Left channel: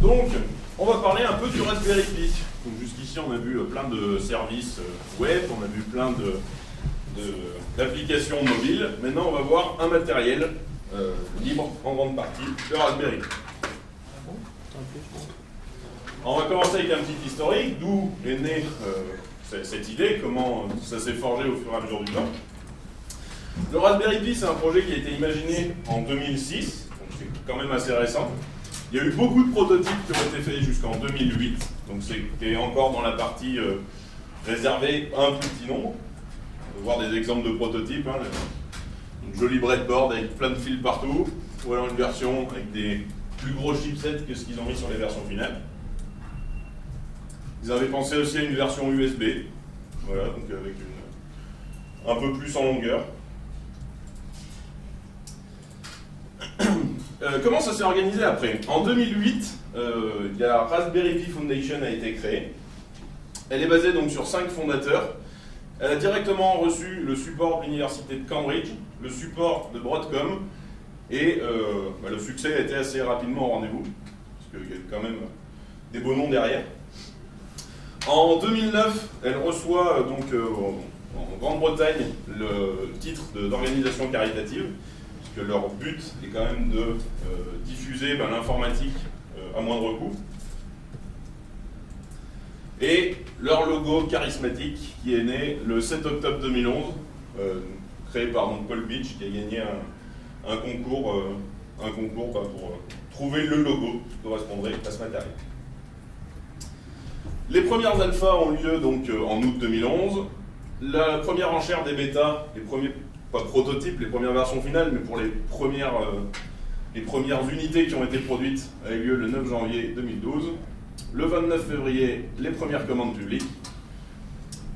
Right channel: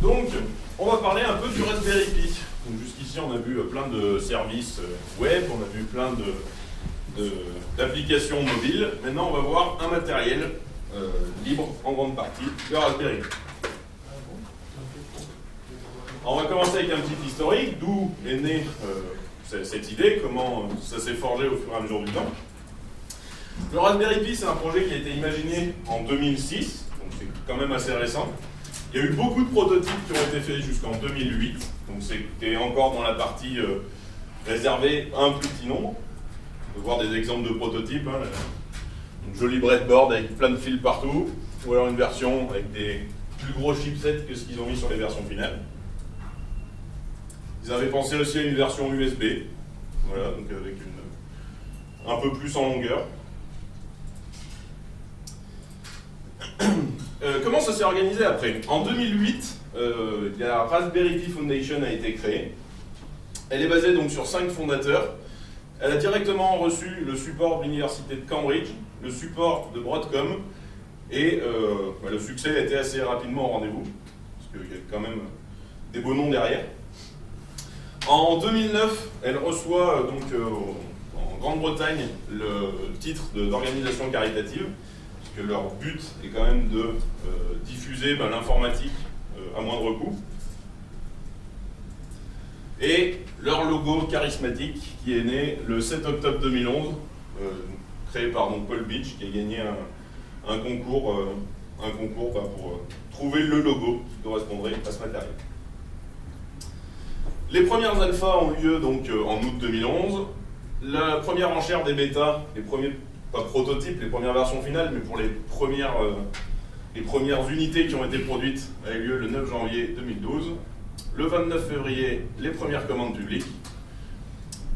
Donc, on va parler un peu du Raspberry Pi. Donc jusqu'ici, on a vu plein de services web, on a vu plein d'applications mobiles. Maintenant, on va voir un matériel libre en grande partie, le Raspberry Pi. On va commencer avec un petit historique, d'où est née cette idée, comment ça s'est forgé au fur et à mesure du temps. Le Raspberry Pi, c'est un projet qui a été imaginé en 2006, donc c'est quand même assez récent. Il y a eu beaucoup de prototypes qui ont été faits jusqu'en 2008, donc c'était encore dans la partie réservée à un petit nombre. On peut voir des exemples de prototypes, hein, une jolie breadboard avec plein de fils partout, ou alors une version avec des plus gros chipsets que ce qu'ils ont mis sur les versions finales. Ils avaient pensé aussi à une version USB, voilà, donc avec un peu plus en longueur. Comment ça s'est organisé après? En 2008, la Raspberry Pi Foundation a été créée. Elle est basée donc sur 5 fondateurs. Elle a directement reçu le support de l'université de Cambridge, le support de Broadcom, et le succès a été assez rapidement au rendez-vous, parce qu'il y a quand même des beaux noms derrière. En 2009, elle reçoit donc en Grande-Bretagne le titre d'organisation caritative, puisque leur but est quand même de diffuser l'informatique à moindre coût. Et leur logo charismatique qui est né le 7 octobre 2011, créé par donc, Paul Beach, qui a gagné un concours pour trouver le logo qui correspondrait à ce matériel. Les premières alphas ont lieu donc en août 2011. La première enchère des bêtas, les premiers, pas prototypes, les premières versions finales, mais pour les premières unités qui ont été produites, a eu lieu le 9 janvier 2012. Le 29 février, les premières commandes publiques.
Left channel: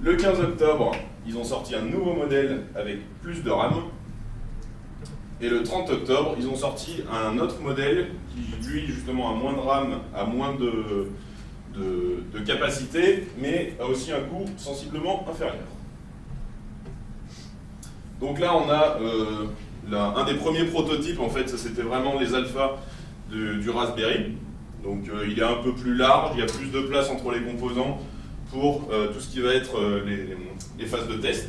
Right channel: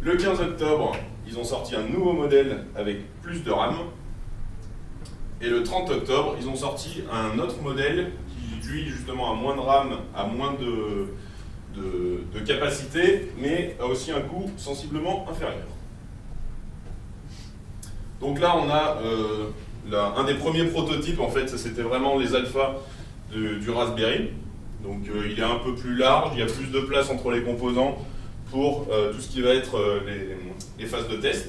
Le 15 octobre, ils ont sorti un nouveau modèle avec plus de RAM. Et le 30 octobre, ils ont sorti un autre modèle qui, lui, justement, a moins de RAM, a moins de capacité, mais a aussi un coût sensiblement inférieur. Donc là, on a un des premiers prototypes, en fait, ça c'était vraiment les alphas du Raspberry. Donc il est un peu plus large, il y a plus de place entre les composants pour tout ce qui va être les phases de test.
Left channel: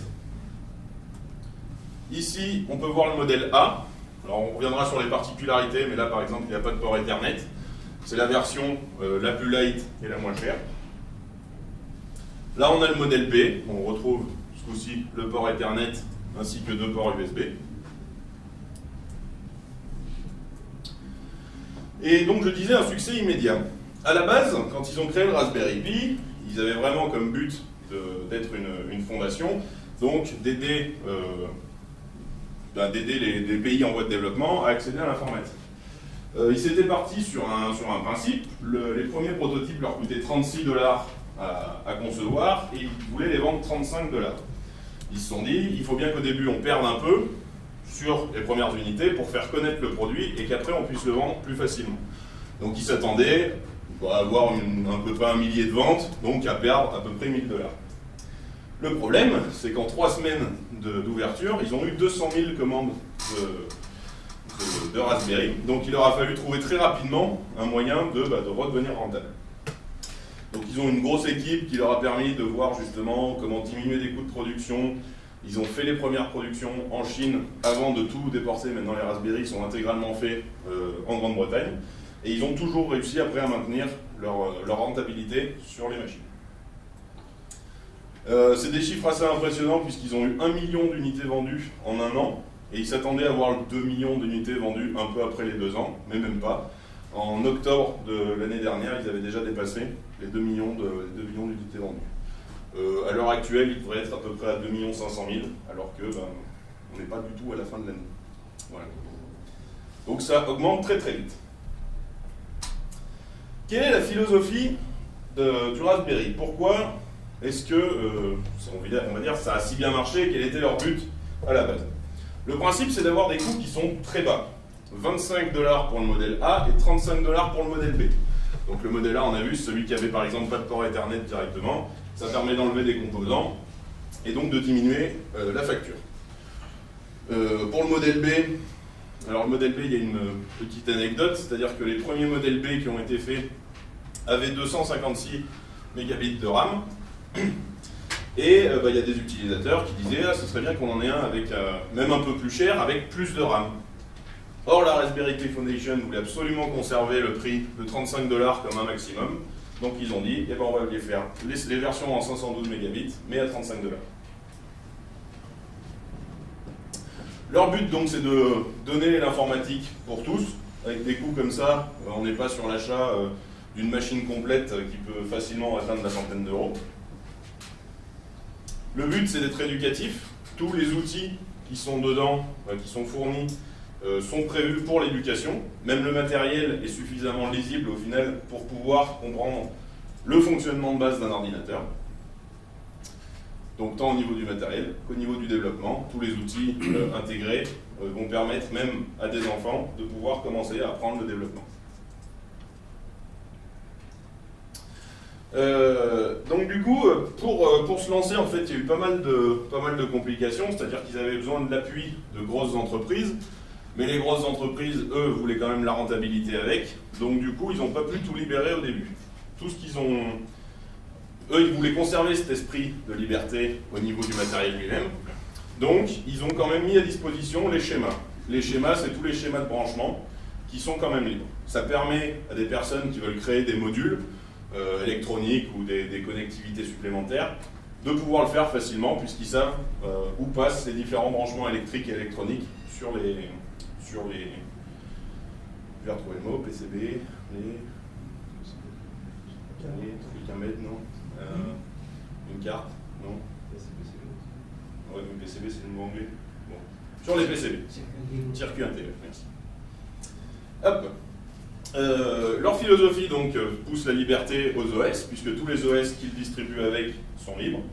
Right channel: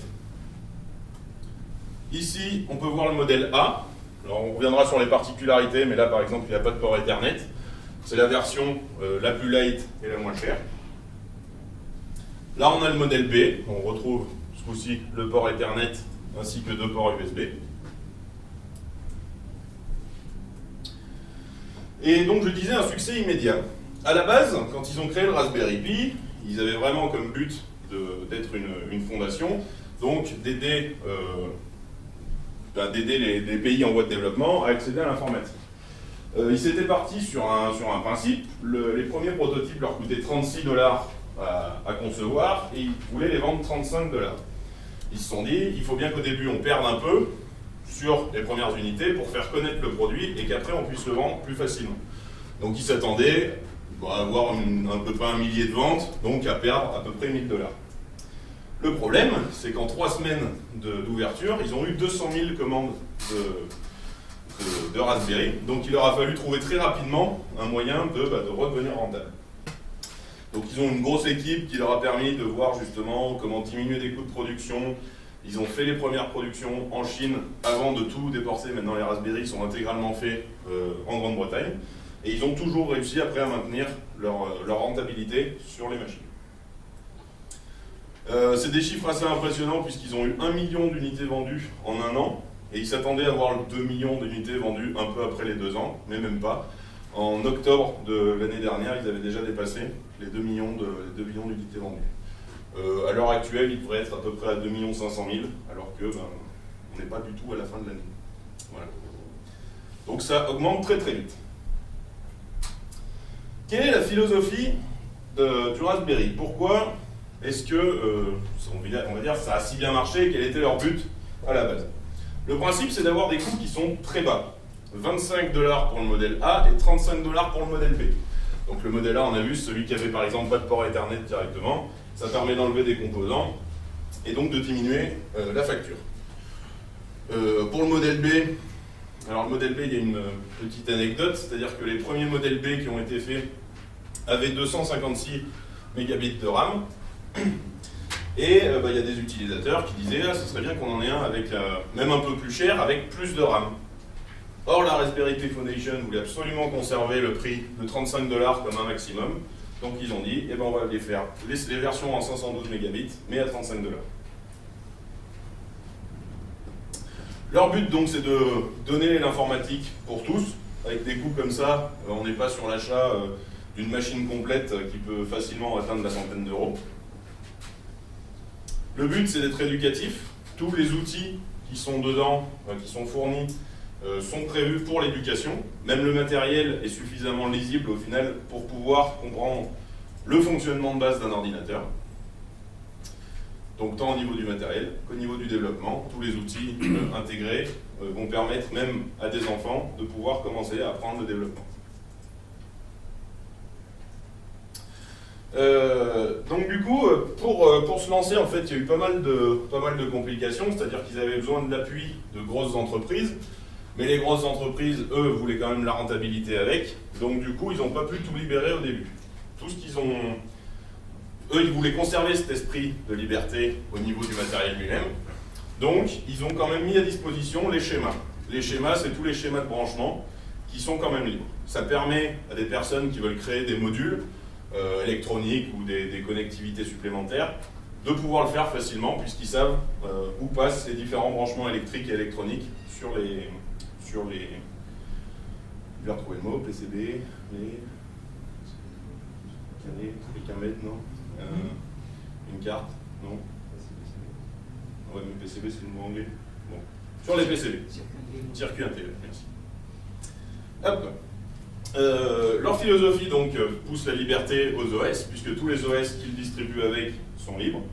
Ici, on peut voir le modèle A. Alors on reviendra sur les particularités, mais là par exemple, il n'y a pas de port Ethernet. C'est la version la plus light et la moins chère. Là, on a le modèle B. On retrouve ce coup-ci le port Ethernet ainsi que 2 ports USB. Et donc, je disais, un succès immédiat. À la base, quand ils ont créé le Raspberry Pi, ils avaient vraiment comme but d'être une fondation, donc d'aider les pays en voie de développement à accéder à l'informatique. Ils s'étaient partis sur un principe. Les premiers prototypes leur coûtaient 36 $ à concevoir et ils voulaient les vendre 35 $. Ils se sont dit, il faut bien qu'au début on perde un peu sur les premières unités pour faire connaître le produit et qu'après on puisse le vendre plus facilement. Donc ils s'attendaient à avoir à peu près 1 millier de ventes, donc à perdre à peu près 1 000 $. Le problème, c'est qu'en 3 semaines d'ouverture, ils ont eu 200 000 commandes de Raspberry, donc il leur a fallu trouver très rapidement un moyen de redevenir rentable. Donc ils ont une grosse équipe qui leur a permis de voir justement comment diminuer les coûts de production. Ils ont fait les premières productions en Chine avant de tout déporter. Maintenant les Raspberry sont intégralement faits en Grande-Bretagne. Et ils ont toujours réussi après à maintenir leur rentabilité sur les machines. C'est des chiffres assez impressionnants puisqu'ils ont eu 1 million d'unités vendues en 1 an. Et ils s'attendaient à avoir 2 millions d'unités vendues un peu après les 2 ans, mais même pas. En octobre de l'année dernière, ils avaient déjà dépassé les 2 millions d'unités vendues. À l'heure actuelle, ils devraient être à peu près à 2 500 000, alors que on n'est pas du tout à la fin de l'année. Voilà. Donc ça augmente très très vite. Quelle est la philosophie du Raspberry? Pourquoi est-ce que, on va dire, ça a si bien marché? Quel était leur but à la base? Le principe, c'est d'avoir des coûts qui sont très bas. 25 $ pour le modèle A et 35 $ pour le modèle B. Donc le modèle A, on a vu, celui qui avait par exemple pas de port Ethernet directement, ça permet d'enlever des composants et donc de diminuer la facture. Pour le modèle B, alors le modèle B, il y a une petite anecdote, c'est-à-dire que les premiers modèles B qui ont été faits avait 256 mégabits de RAM. Et il y a des utilisateurs qui disaient ce serait bien qu'on en ait un avec, même un peu plus cher, avec plus de RAM. Or, la Raspberry Pi Foundation voulait absolument conserver le prix de 35 $ comme un maximum. Donc ils ont dit, on va les faire les versions en 512 mégabits, mais à 35 $. Leur but donc c'est de donner l'informatique pour tous. Avec des coûts comme ça, on n'est pas sur l'achat d'une machine complète qui peut facilement atteindre la centaine d'euros. Le but c'est d'être éducatif. Tous les outils qui sont dedans, qui sont fournis, sont prévus pour l'éducation. Même le matériel est suffisamment lisible au final pour pouvoir comprendre le fonctionnement de base d'un ordinateur. Donc tant au niveau du matériel qu'au niveau du développement, tous les outils intégrés vont permettre même à des enfants de pouvoir commencer à apprendre le développement. Donc du coup, pour se lancer, en fait, il y a eu pas mal de complications, c'est-à-dire qu'ils avaient besoin de l'appui de grosses entreprises, mais les grosses entreprises, eux, voulaient quand même la rentabilité avec, donc du coup, ils n'ont pas pu tout libérer au début. Tout ce qu'ils ont... Eux, ils voulaient conserver cet esprit de liberté au niveau du matériel lui-même, donc ils ont quand même mis à disposition les schémas. Les schémas, c'est tous les schémas de branchement qui sont quand même libres. Ça permet à des personnes qui veulent créer des modules électroniques ou des connectivités supplémentaires de pouvoir le faire facilement puisqu'ils savent où passent les différents branchements électriques et électroniques sur les... Je vais retrouver le mot, PCB, les camètres, non une carte, non ouais, mais PCB c'est le mot anglais. Bon. Sur les PCB. Circuit intégré, merci. Hop. Leur philosophie donc pousse la liberté aux OS, puisque tous les OS qu'ils distribuent avec sont libres.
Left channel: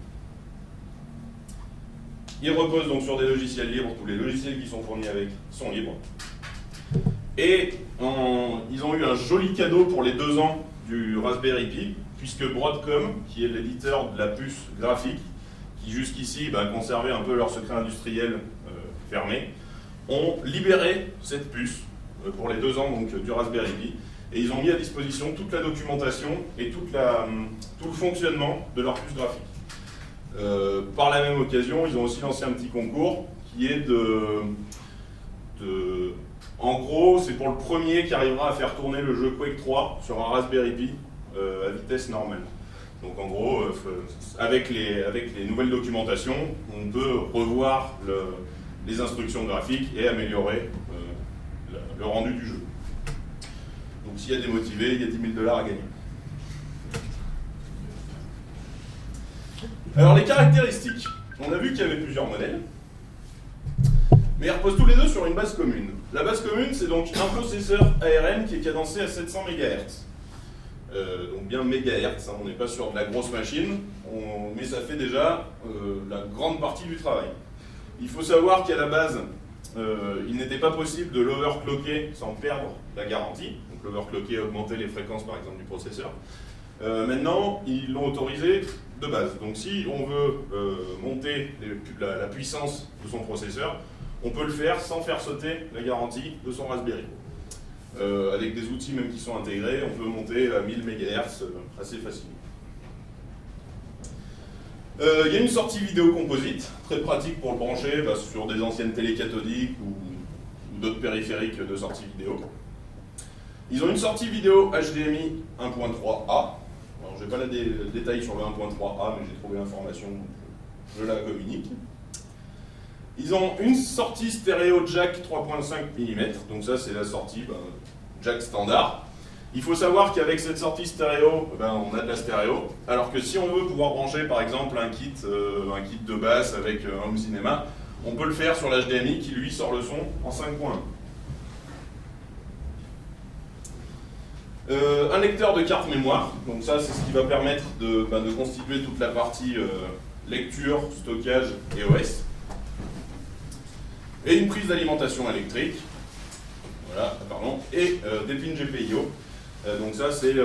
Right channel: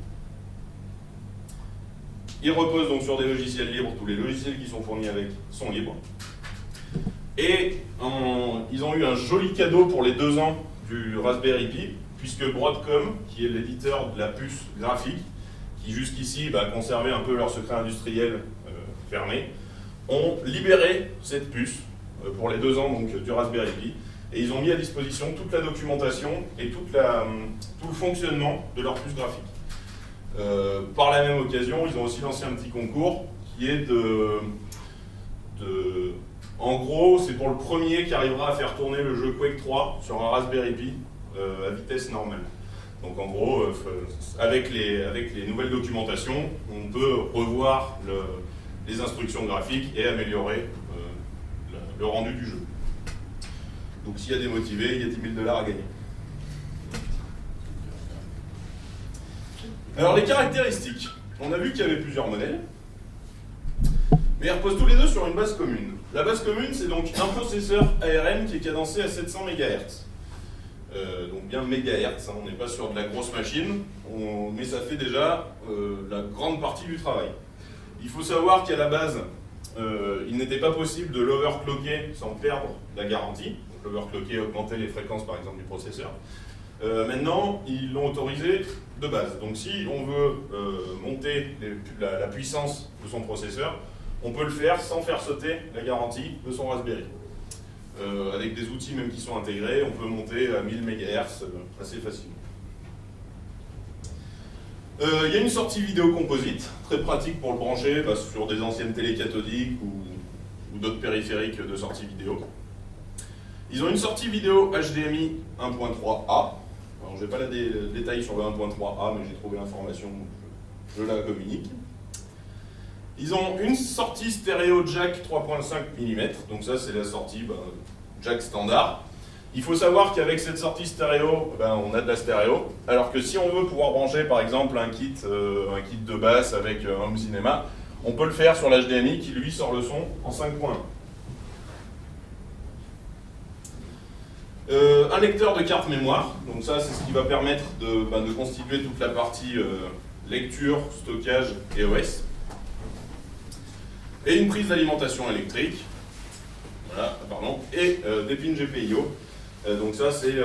Ils reposent donc sur des logiciels libres, tous les logiciels qui sont fournis avec sont libres. Et ils ont eu un joli cadeau pour les 2 ans du Raspberry Pi, puisque Broadcom, qui est l'éditeur de la puce graphique, qui jusqu'ici conservait un peu leur secret industriel fermé, ont libéré cette puce pour les 2 ans donc, du Raspberry Pi, et ils ont mis à disposition toute la documentation et tout le fonctionnement de leur puce graphique. Par la même occasion, ils ont aussi lancé un petit concours qui est en gros, c'est pour le premier qui arrivera à faire tourner le jeu Quake 3 sur un Raspberry Pi à vitesse normale. Donc en gros, avec les nouvelles documentations, on peut revoir les instructions graphiques et améliorer le rendu du jeu. Donc s'il y a des motivés, il y a 10 000 $ à gagner. Alors les caractéristiques, on a vu qu'il y avait plusieurs modèles, mais ils reposent tous les deux sur une base commune. La base commune, c'est donc un processeur ARM qui est cadencé à 700 MHz. Donc bien mégahertz, hein, on n'est pas sur de la grosse machine, mais ça fait déjà la grande partie du travail. Il faut savoir qu'à la base, il n'était pas possible de l'overclocker sans perdre la garantie. Donc l'overclocker augmentait les fréquences par exemple du processeur. Maintenant, ils l'ont autorisé de base. Donc si on veut monter la puissance de son processeur, on peut le faire sans faire sauter la garantie de son Raspberry. Avec des outils même qui sont intégrés, on peut monter à 1000 MHz assez facilement. Il y a une sortie vidéo composite, très pratique pour le brancher sur des anciennes télé cathodiques ou d'autres périphériques de sortie vidéo. Ils ont une sortie vidéo HDMI 1.3A. Alors, je n'ai pas les détails sur le 1.3A, mais j'ai trouvé l'information, donc je la communique. Ils ont une sortie stéréo jack 3.5 mm, donc ça c'est la sortie jack standard. Il faut savoir qu'avec cette sortie stéréo, on a de la stéréo, alors que si on veut pouvoir brancher par exemple un kit de basse avec un home cinéma, on peut le faire sur l'HDMI qui lui sort le son en 5.1. Un lecteur de carte mémoire, donc ça c'est ce qui va permettre de constituer toute la partie lecture, stockage et OS. Et une prise d'alimentation électrique, voilà, pardon, et des pins GPIO. Donc ça c'est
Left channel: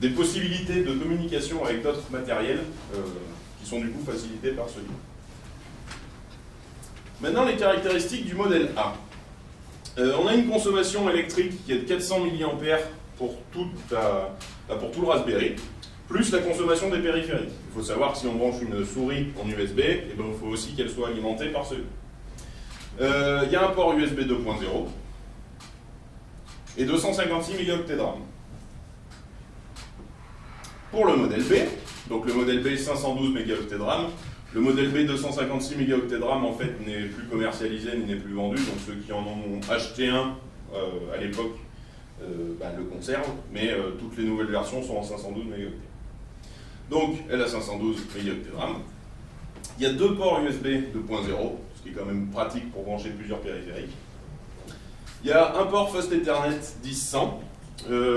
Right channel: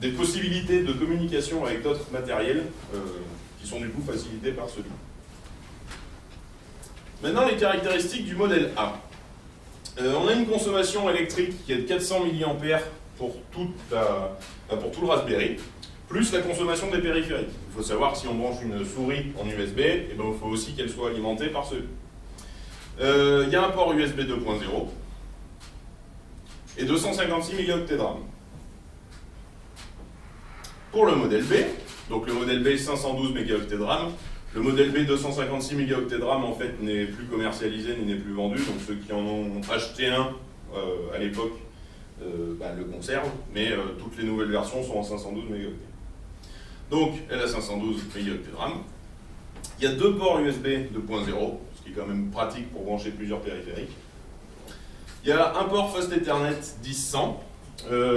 des possibilités de communication avec d'autres matériels qui sont du coup facilitées par celui. Maintenant les caractéristiques du modèle A. On a une consommation électrique qui est de 400 mAh pour tout le Raspberry, plus la consommation des périphériques. Il faut savoir que si on branche une souris en USB, eh ben, il faut aussi qu'elle soit alimentée par ce. Il y a un port USB 2.0 et 256 mégaoctets de RAM. Pour le modèle B, donc le modèle B 512 mégaoctets de RAM, le modèle B 256 mégaoctets de RAM en fait n'est plus commercialisé ni n'est plus vendu, donc ceux qui en ont acheté un à l'époque le conservent, mais toutes les nouvelles versions sont en 512 mégaoctets. Donc elle a 512 mégaoctets de RAM. Il y a deux ports USB 2.0, ce qui est quand même pratique pour brancher plusieurs périphériques. Il y a un port Fast Ethernet 10100.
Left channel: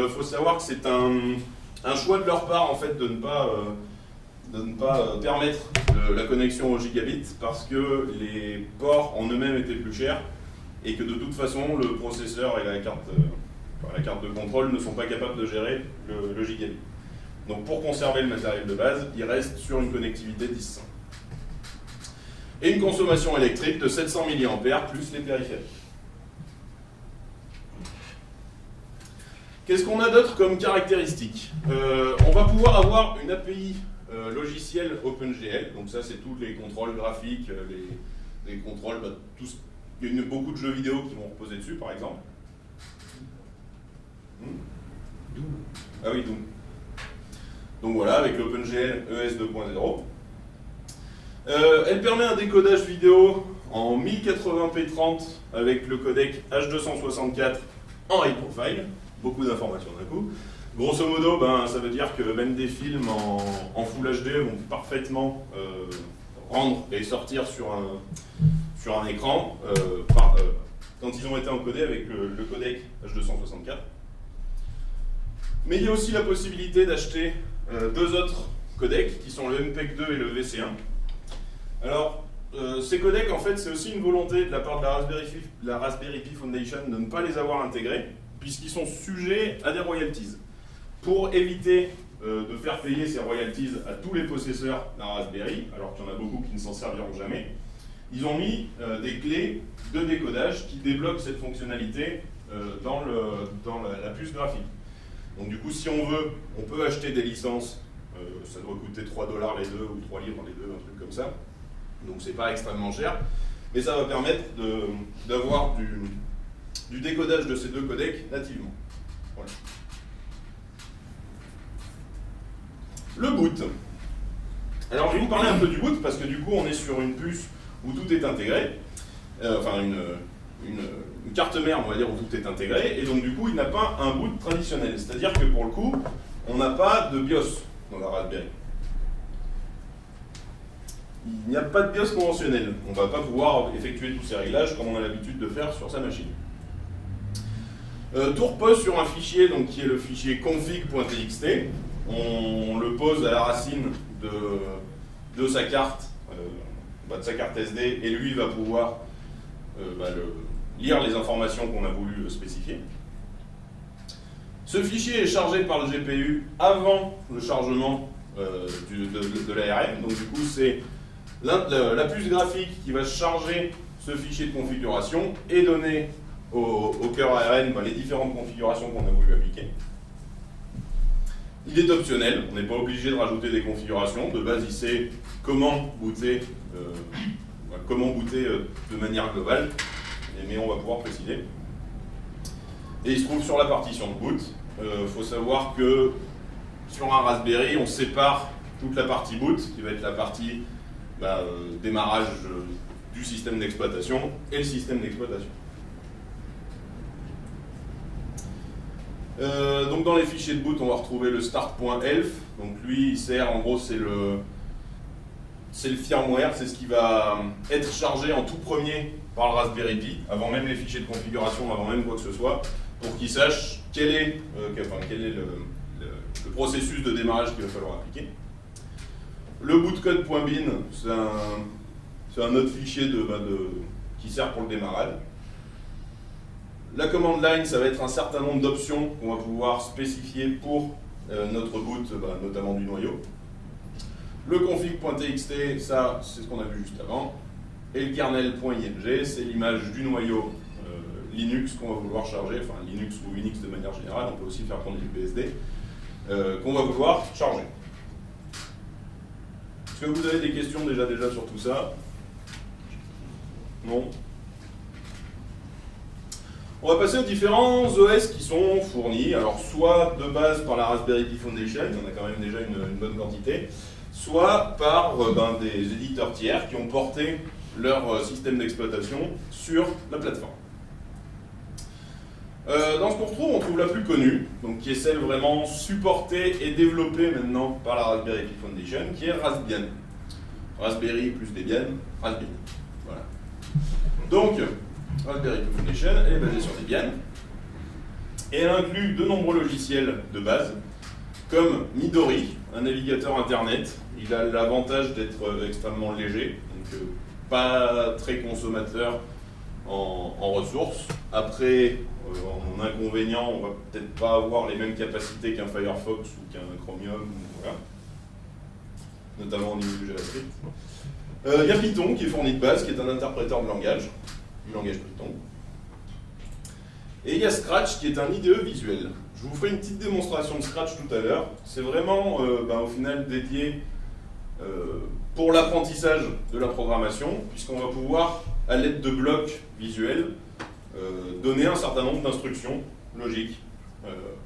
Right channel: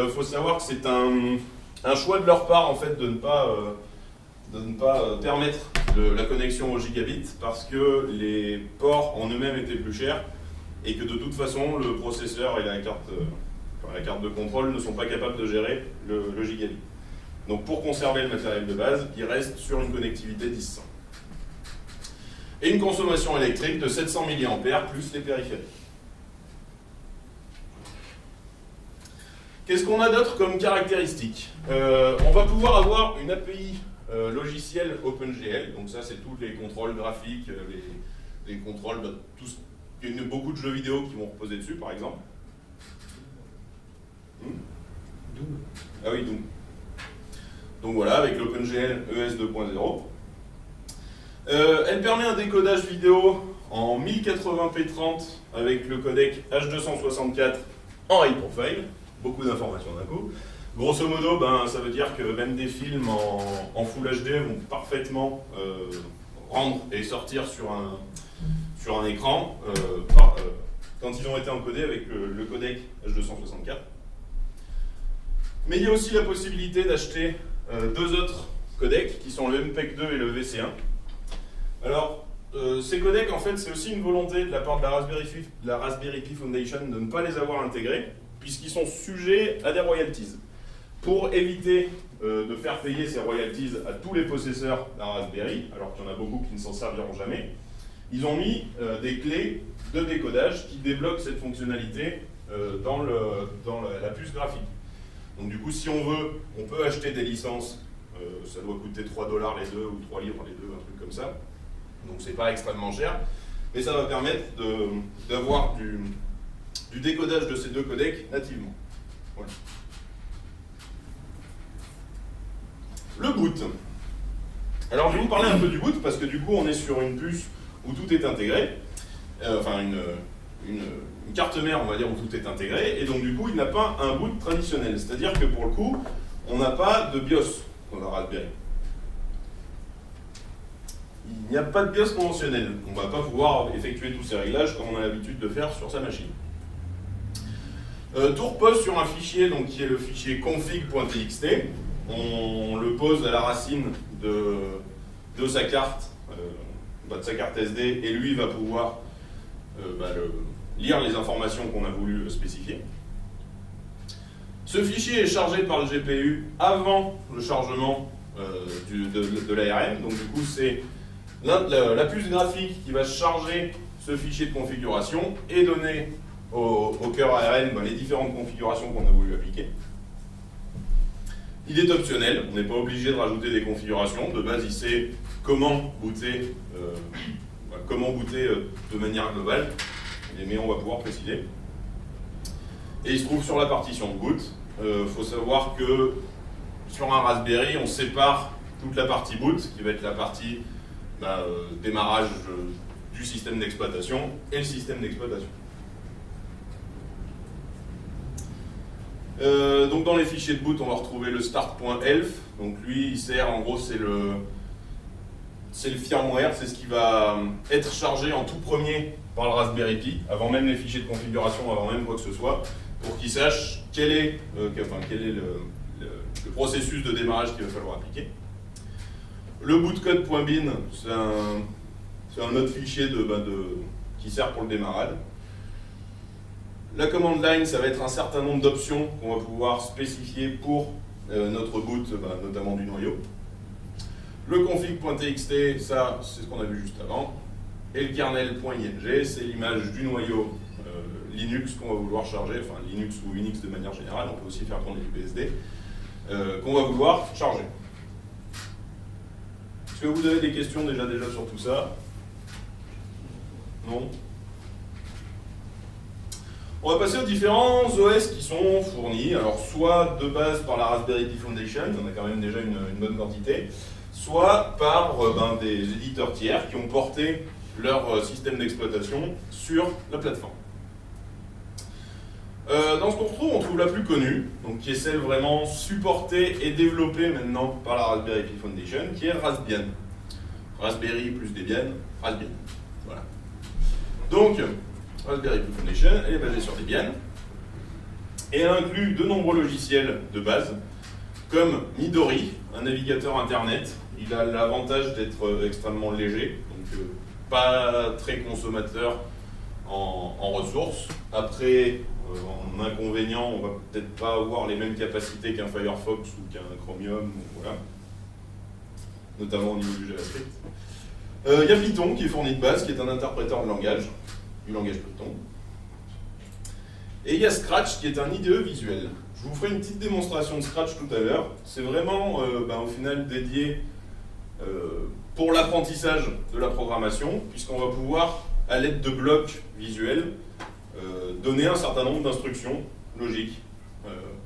Faut savoir que c'est un choix de leur part en fait de ne pas permettre la connexion au gigabit parce que les ports en eux-mêmes étaient plus chers et que de toute façon le processeur et la carte de contrôle ne sont pas capables de gérer le gigabit. Donc pour conserver le matériel de base, il reste sur une connectivité 10100. Et une consommation électrique de 700 mAh plus les périphériques. Qu'est-ce qu'on a d'autre comme caractéristiques? On va pouvoir avoir une API logicielle OpenGL, donc ça c'est tous les contrôles graphiques, les contrôles, il y a beaucoup de jeux vidéo qui vont reposer dessus par exemple. Doom. Ah oui, Doom. Donc voilà, avec l'OpenGL ES 2.0. Elle permet un décodage vidéo en 1080p30 avec le codec H264 en high profile. Beaucoup d'informations d'un coup. Grosso modo, ça veut dire que même des films en Full HD vont parfaitement rendre et sortir sur un écran quand ils ont été encodés avec le codec H264. Mais il y a aussi la possibilité d'acheter deux autres codecs qui sont le MPEG 2 et le VC1. Alors, ces codecs, en fait, c'est aussi une volonté de la part de la Raspberry Pi Foundation de ne pas les avoir intégrés, puisqu'ils sont sujets à des royalties. Pour éviter de faire payer ces royalties à tous les possesseurs d'un Raspberry, alors qu'il y en a beaucoup qui ne s'en serviront jamais, ils ont mis des clés de décodage qui débloquent cette fonctionnalité dans la puce graphique. Donc du coup, si on veut, on peut acheter des licences, ça doit coûter 3 $ les deux, ou 3 livres les deux, un truc comme ça. Donc c'est pas extrêmement cher, mais ça va permettre d'avoir du décodage de ces deux codecs nativement. Voilà. Le boot. Alors je vais vous parler un peu du boot parce que du coup on est sur une puce où tout est intégré, enfin une carte mère on va dire où tout est intégré, et donc du coup il n'a pas un boot traditionnel, c'est-à-dire que pour le coup on n'a pas de BIOS dans la Raspberry. Il n'y a pas de BIOS conventionnel, on ne va pas pouvoir effectuer tous ces réglages comme on a l'habitude de faire sur sa machine. Tout repose sur un fichier donc, qui est le fichier config.txt. On le pose à la racine de sa carte, de sa carte SD, et lui il va pouvoir lire les informations qu'on a voulu spécifier. Ce fichier est chargé par le GPU avant le chargement de l'ARM, donc du coup c'est la puce graphique qui va charger ce fichier de configuration et donner au cœur ARM les différentes configurations qu'on a voulu appliquer. Il est optionnel, on n'est pas obligé de rajouter des configurations. De base, il sait comment booter de manière globale, mais on va pouvoir préciser. Et il se trouve sur la partition de boot. Faut savoir que sur un Raspberry, on sépare toute la partie boot, qui va être la partie démarrage du système d'exploitation, et le système d'exploitation. Donc dans les fichiers de boot, on va retrouver le start.elf. Donc lui, il sert, en gros, c'est le firmware, c'est ce qui va être chargé en tout premier par le Raspberry Pi, avant même les fichiers de configuration, avant même quoi que ce soit, pour qu'il sache quel est le processus de démarrage qu'il va falloir appliquer. Le bootcode.bin, c'est un autre fichier qui sert pour le démarrage. La command line, ça va être un certain nombre d'options qu'on va pouvoir spécifier pour notre boot, notamment du noyau. Le config.txt, ça, c'est ce qu'on a vu juste avant. Et le kernel.ing, c'est l'image du noyau Linux qu'on va vouloir charger, enfin Linux ou Unix de manière générale, on peut aussi faire tourner du BSD, qu'on va vouloir charger. Est-ce que vous avez des questions déjà sur tout ça? Non? On va passer aux différents OS qui sont fournis, alors soit de base par la Raspberry Pi Foundation, on a quand même déjà une bonne quantité, soit par des éditeurs tiers qui ont porté leur système d'exploitation sur la plateforme. Dans ce qu'on retrouve, on trouve la plus connue, donc qui est celle vraiment supportée et développée maintenant par la Raspberry Pi Foundation, qui est Raspbian. Raspberry plus Debian, Raspbian. Voilà. Donc, Raspberry Pi Foundation, elle est basée sur Debian, et elle inclut de nombreux logiciels de base, comme Midori, un navigateur internet. Il a l'avantage d'être extrêmement léger, donc pas très consommateur en ressources. Après, en inconvénient, on va peut-être pas avoir les mêmes capacités qu'un Firefox ou qu'un Chromium, voilà. Notamment au niveau du JavaScript. Il y a Python qui est fourni de base, qui est un interpréteur de langage, du langage Python. Et il y a Scratch qui est un IDE visuel. Je vous ferai une petite démonstration de Scratch tout à l'heure. C'est vraiment au final dédié pour l'apprentissage de la programmation, puisqu'on va pouvoir, à l'aide de blocs visuels, donner un certain nombre d'instructions logiques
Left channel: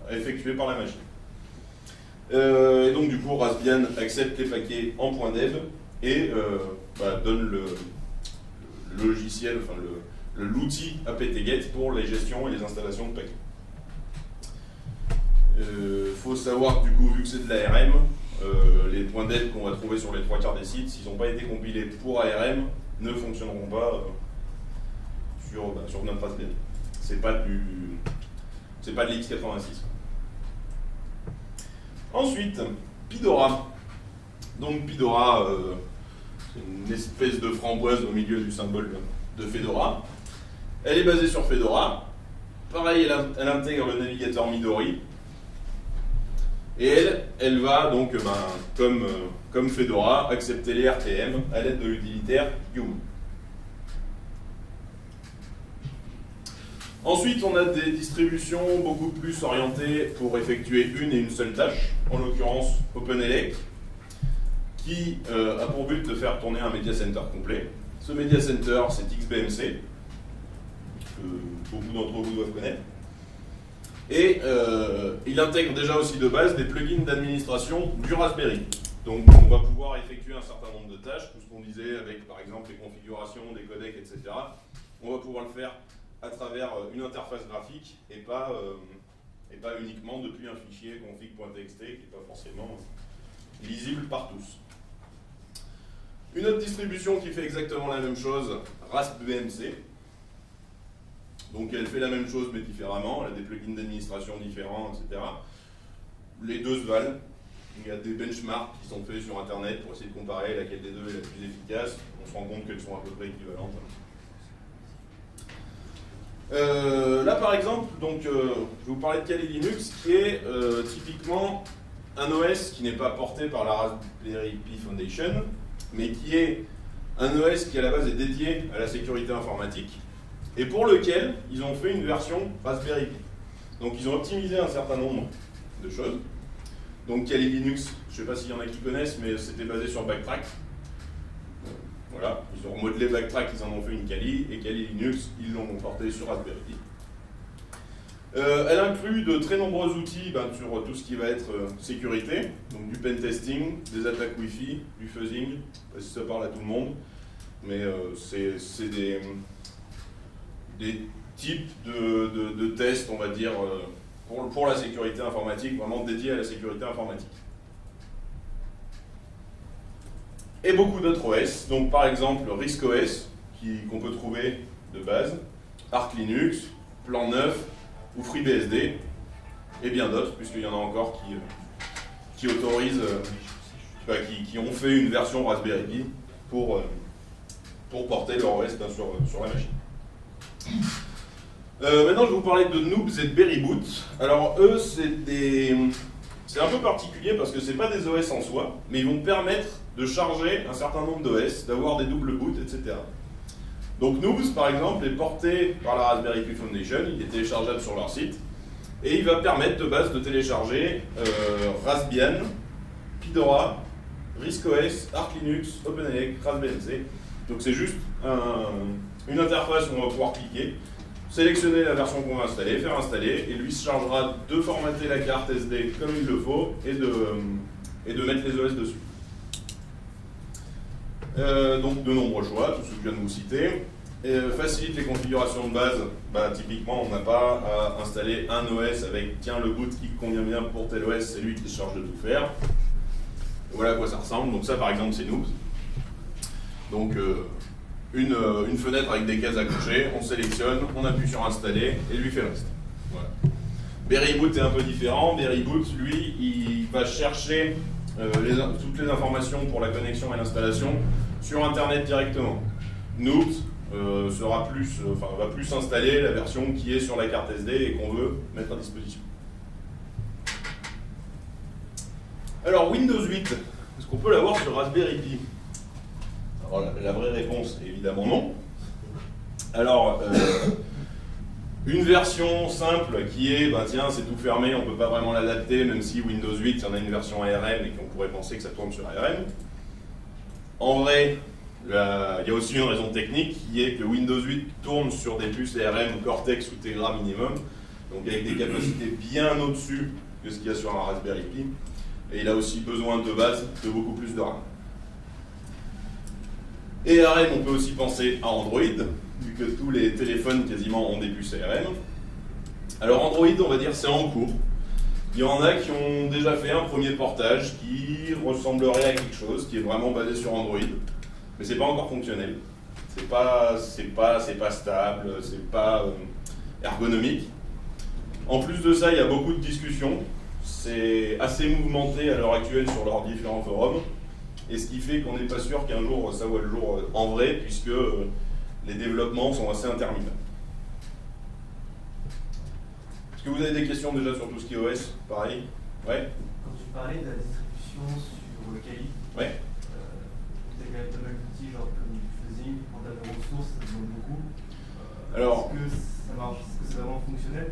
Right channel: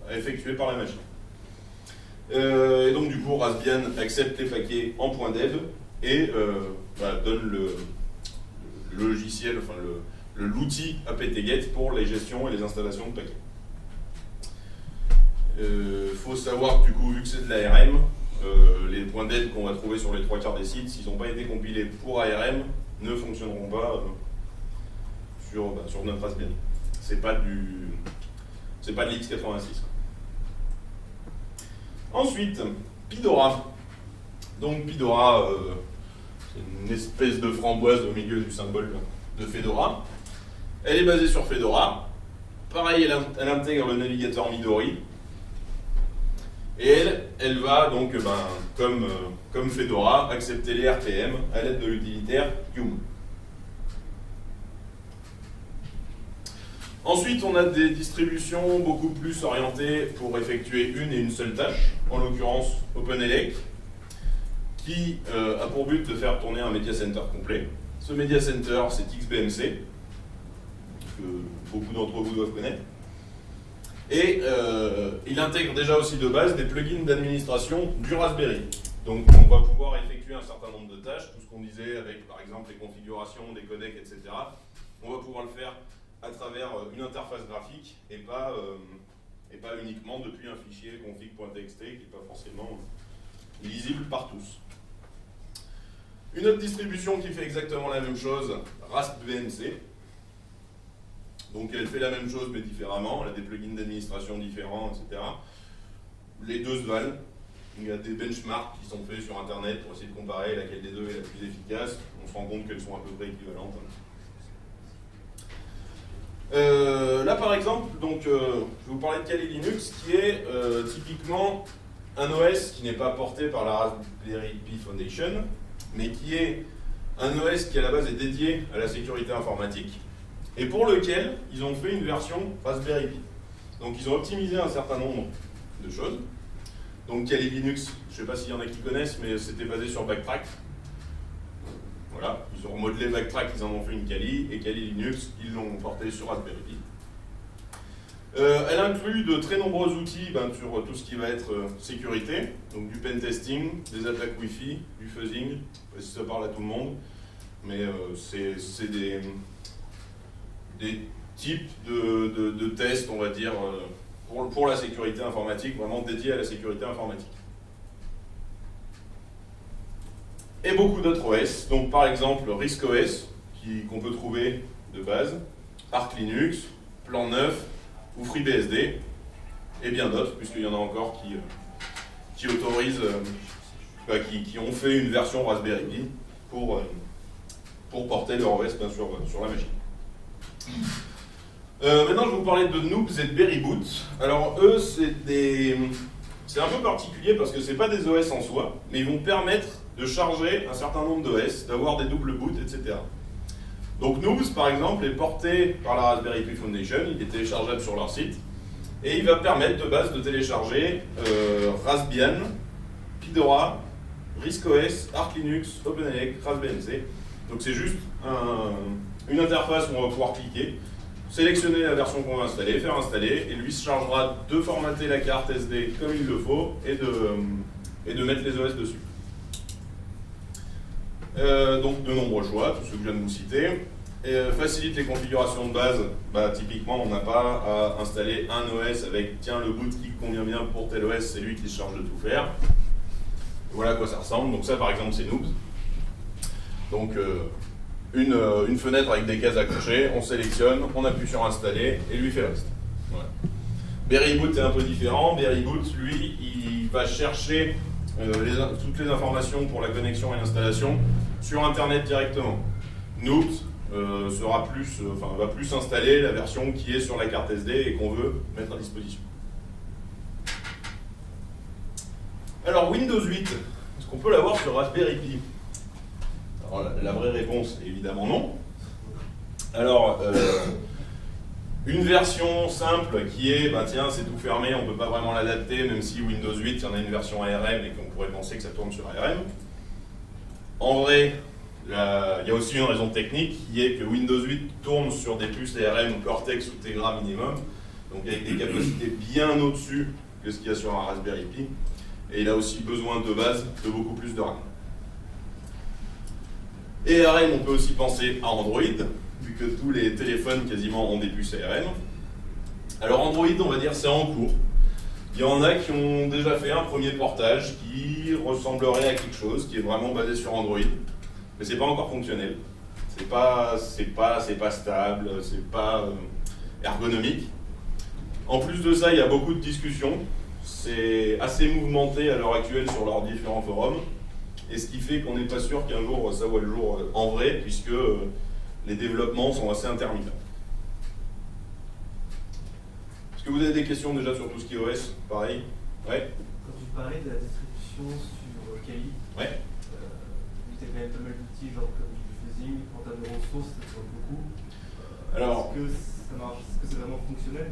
à effectuer par la machine. Et donc du coup, Raspbian accepte les paquets en .dev et donne le logiciel, enfin l'outil apt-get pour les gestions et les installations de paquets. Faut savoir que du coup, vu que c'est de l'ARM, les .dev qu'on va trouver sur les 3/4 des sites, s'ils n'ont pas été compilés pour ARM, ne fonctionneront pas sur notre Raspbian. C'est pas de l'X86. Ensuite, Pidora. Donc Pidora, c'est une espèce de framboise au milieu du symbole de Fedora. Elle est basée sur Fedora. Pareil, elle intègre le navigateur Midori. Et elle va donc, comme Fedora, accepter les RPM à l'aide de l'utilitaire Yum. Ensuite, on a des distributions beaucoup plus orientées pour effectuer une et une seule tâche, en l'occurrence OpenELEC, qui a pour but de faire tourner un Media Center complet. Ce Media Center, c'est XBMC, que beaucoup d'entre vous doivent connaître. Et il intègre déjà aussi de base des plugins d'administration du Raspberry. Donc on va pouvoir effectuer un certain nombre de tâches, tout ce qu'on disait avec par exemple les configurations, des codecs, etc. On va pouvoir le faire à travers une interface graphique et pas uniquement depuis un fichier config.txt qui n'est pas forcément lisible par tous. Une autre distribution qui fait exactement la même chose, RaspBMC. Donc elle fait la même chose mais différemment, elle a des plugins d'administration différents, etc. Les deux se valent. Il y a des benchmarks qui sont faits sur internet pour essayer de comparer laquelle des deux est la plus efficace. On se rend compte qu'elles sont à peu près équivalentes. Là par exemple, donc, je vais vous parler de Kali Linux qui est typiquement un OS qui n'est pas porté par la Raspberry Pi Foundation, mais qui est un OS qui à la base est dédié à la sécurité informatique et pour lequel ils ont fait une version Raspberry Pi. Donc ils ont optimisé un certain nombre de choses. Donc Kali Linux, je ne sais pas s'il y en a qui connaissent, mais c'était basé sur Backtrack. Voilà, ils ont remodelé Backtrack, ils en ont fait une Kali, et Kali Linux, ils l'ont porté sur Raspberry Pi. Elle inclut de très nombreux outils sur tout ce qui va être sécurité, donc du pen testing, des attaques Wi-Fi, du fuzzing, je ne sais pas si ça parle à tout le monde, mais c'est des types de tests, on va dire, pour la sécurité informatique, vraiment dédiés à la sécurité informatique. Et beaucoup d'autres OS, donc par exemple RISC-OS, qu'on peut trouver de base, Arch Linux, Plan 9 ou FreeBSD, et bien d'autres, puisqu'il y en a encore qui autorisent, qui ont fait une version Raspberry Pi pour porter leur OS sur la machine. Maintenant, je vais vous parler de Noobs et de Berryboot. Alors eux, c'est un peu particulier parce que ce n'est pas des OS en soi, mais ils vont permettre de charger un certain nombre d'OS, d'avoir des doubles boots, etc. Donc Noobs, par exemple, est porté par la Raspberry Pi Foundation, il est téléchargeable sur leur site, et il va permettre de base de télécharger Raspbian, Pidora, RISC-OS, Arch Linux, OpenALEC, Raspberry MC. Donc c'est juste une interface où on va pouvoir cliquer, sélectionner la version qu'on va installer, faire installer, et lui se chargera de formater la carte SD comme il le faut et de mettre les OS dessus. Donc de nombreux choix, tous ceux que je viens de vous citer. Et facilite les configurations de base. Typiquement, on n'a pas à installer un OS avec tiens le boot qui convient bien pour tel OS, c'est lui qui se charge de tout faire. Voilà à quoi ça ressemble. Donc ça par exemple c'est Noobs. Donc une fenêtre avec des cases à cocher, on sélectionne, on appuie sur installer et lui fait le reste. Voilà. Berryboot est un peu différent. Berryboot, lui, il va chercher toutes les informations pour la connexion et l'installation sur Internet directement. Noobs va plus installer la version qui est sur la carte SD et qu'on veut mettre à disposition. Alors Windows 8, est-ce qu'on peut l'avoir sur Raspberry Pi? Alors la vraie réponse est évidemment non. Alors une version simple qui est, tiens c'est tout fermé, on ne peut pas vraiment l'adapter, même si Windows 8 il y en a une version ARM et qu'on pourrait penser que ça tourne sur ARM. En vrai, il y a aussi une raison technique qui est que Windows 8 tourne sur des puces ARM Cortex ou Tegra minimum, donc avec des capacités bien au-dessus que ce qu'il y a sur un Raspberry Pi. Et il a aussi besoin de base de beaucoup plus de RAM. Et ARM, on peut aussi penser à Android, vu que tous les téléphones quasiment ont des puces ARM. Alors Android, on va dire, c'est en cours. Il y en a qui ont déjà fait un premier portage qui ressemblerait à quelque chose, qui est vraiment basé sur Android. Mais c'est pas encore fonctionnel. C'est pas stable, c'est pas ergonomique. En plus de ça, il y a beaucoup de discussions. C'est assez mouvementé à l'heure actuelle sur leurs différents forums. Et ce qui fait qu'on n'est pas sûr qu'un jour ça voit le jour en vrai, puisque les développements sont assez intermittents. Est-ce que vous avez des questions déjà sur tout ce qui est OS? Pareil? Ouais. Quand tu parlais de la distribution sur Kali, ouais. Tu as quand même pas mal d'outils, genre comme du fuzzing, en termes de ressources, ça demande beaucoup. Alors, est-ce que ça marche? Est-ce que c'est vraiment fonctionnel?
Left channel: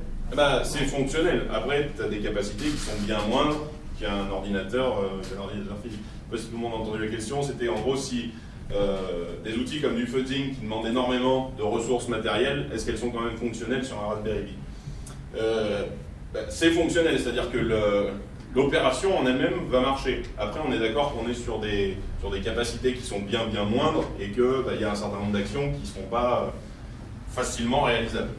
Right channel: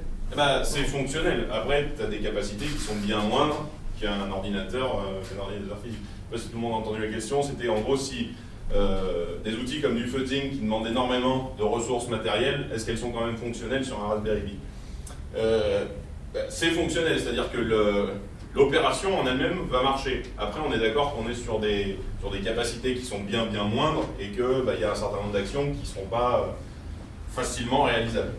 C'est fonctionnel. Après, tu as des capacités qui sont bien moindres qu'un ordinateur physique. Je ne sais pas si tout le monde a entendu la question, c'était en gros si des outils comme du fuzzing qui demandent énormément de ressources matérielles, est-ce qu'elles sont quand même fonctionnelles sur un Raspberry Pi? C'est fonctionnel, c'est-à-dire que l'opération en elle-même va marcher. Après, on est d'accord qu'on est sur des capacités qui sont bien moindres et qu'il y a un certain nombre d'actions qui ne seront pas facilement réalisables.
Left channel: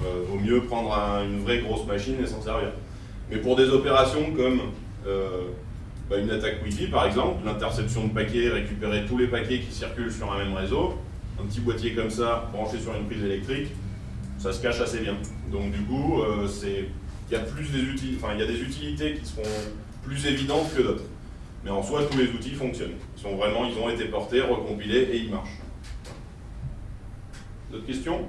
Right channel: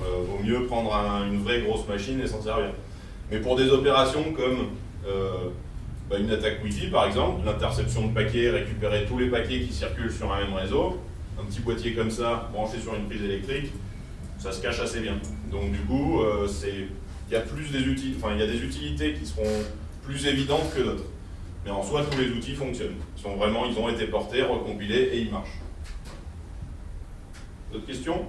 Vaut mieux prendre une vraie grosse machine et s'en servir. Mais pour des opérations comme une attaque Wi-Fi par exemple, l'interception de paquets, récupérer tous les paquets qui circulent sur un même réseau, un petit boîtier comme ça, branché sur une prise électrique, ça se cache assez bien. Donc du coup, il y a des utilités qui seront plus évidentes que d'autres. Mais en soi, tous les outils fonctionnent. Ils ont été portés, recompilés et ils marchent. D'autres questions?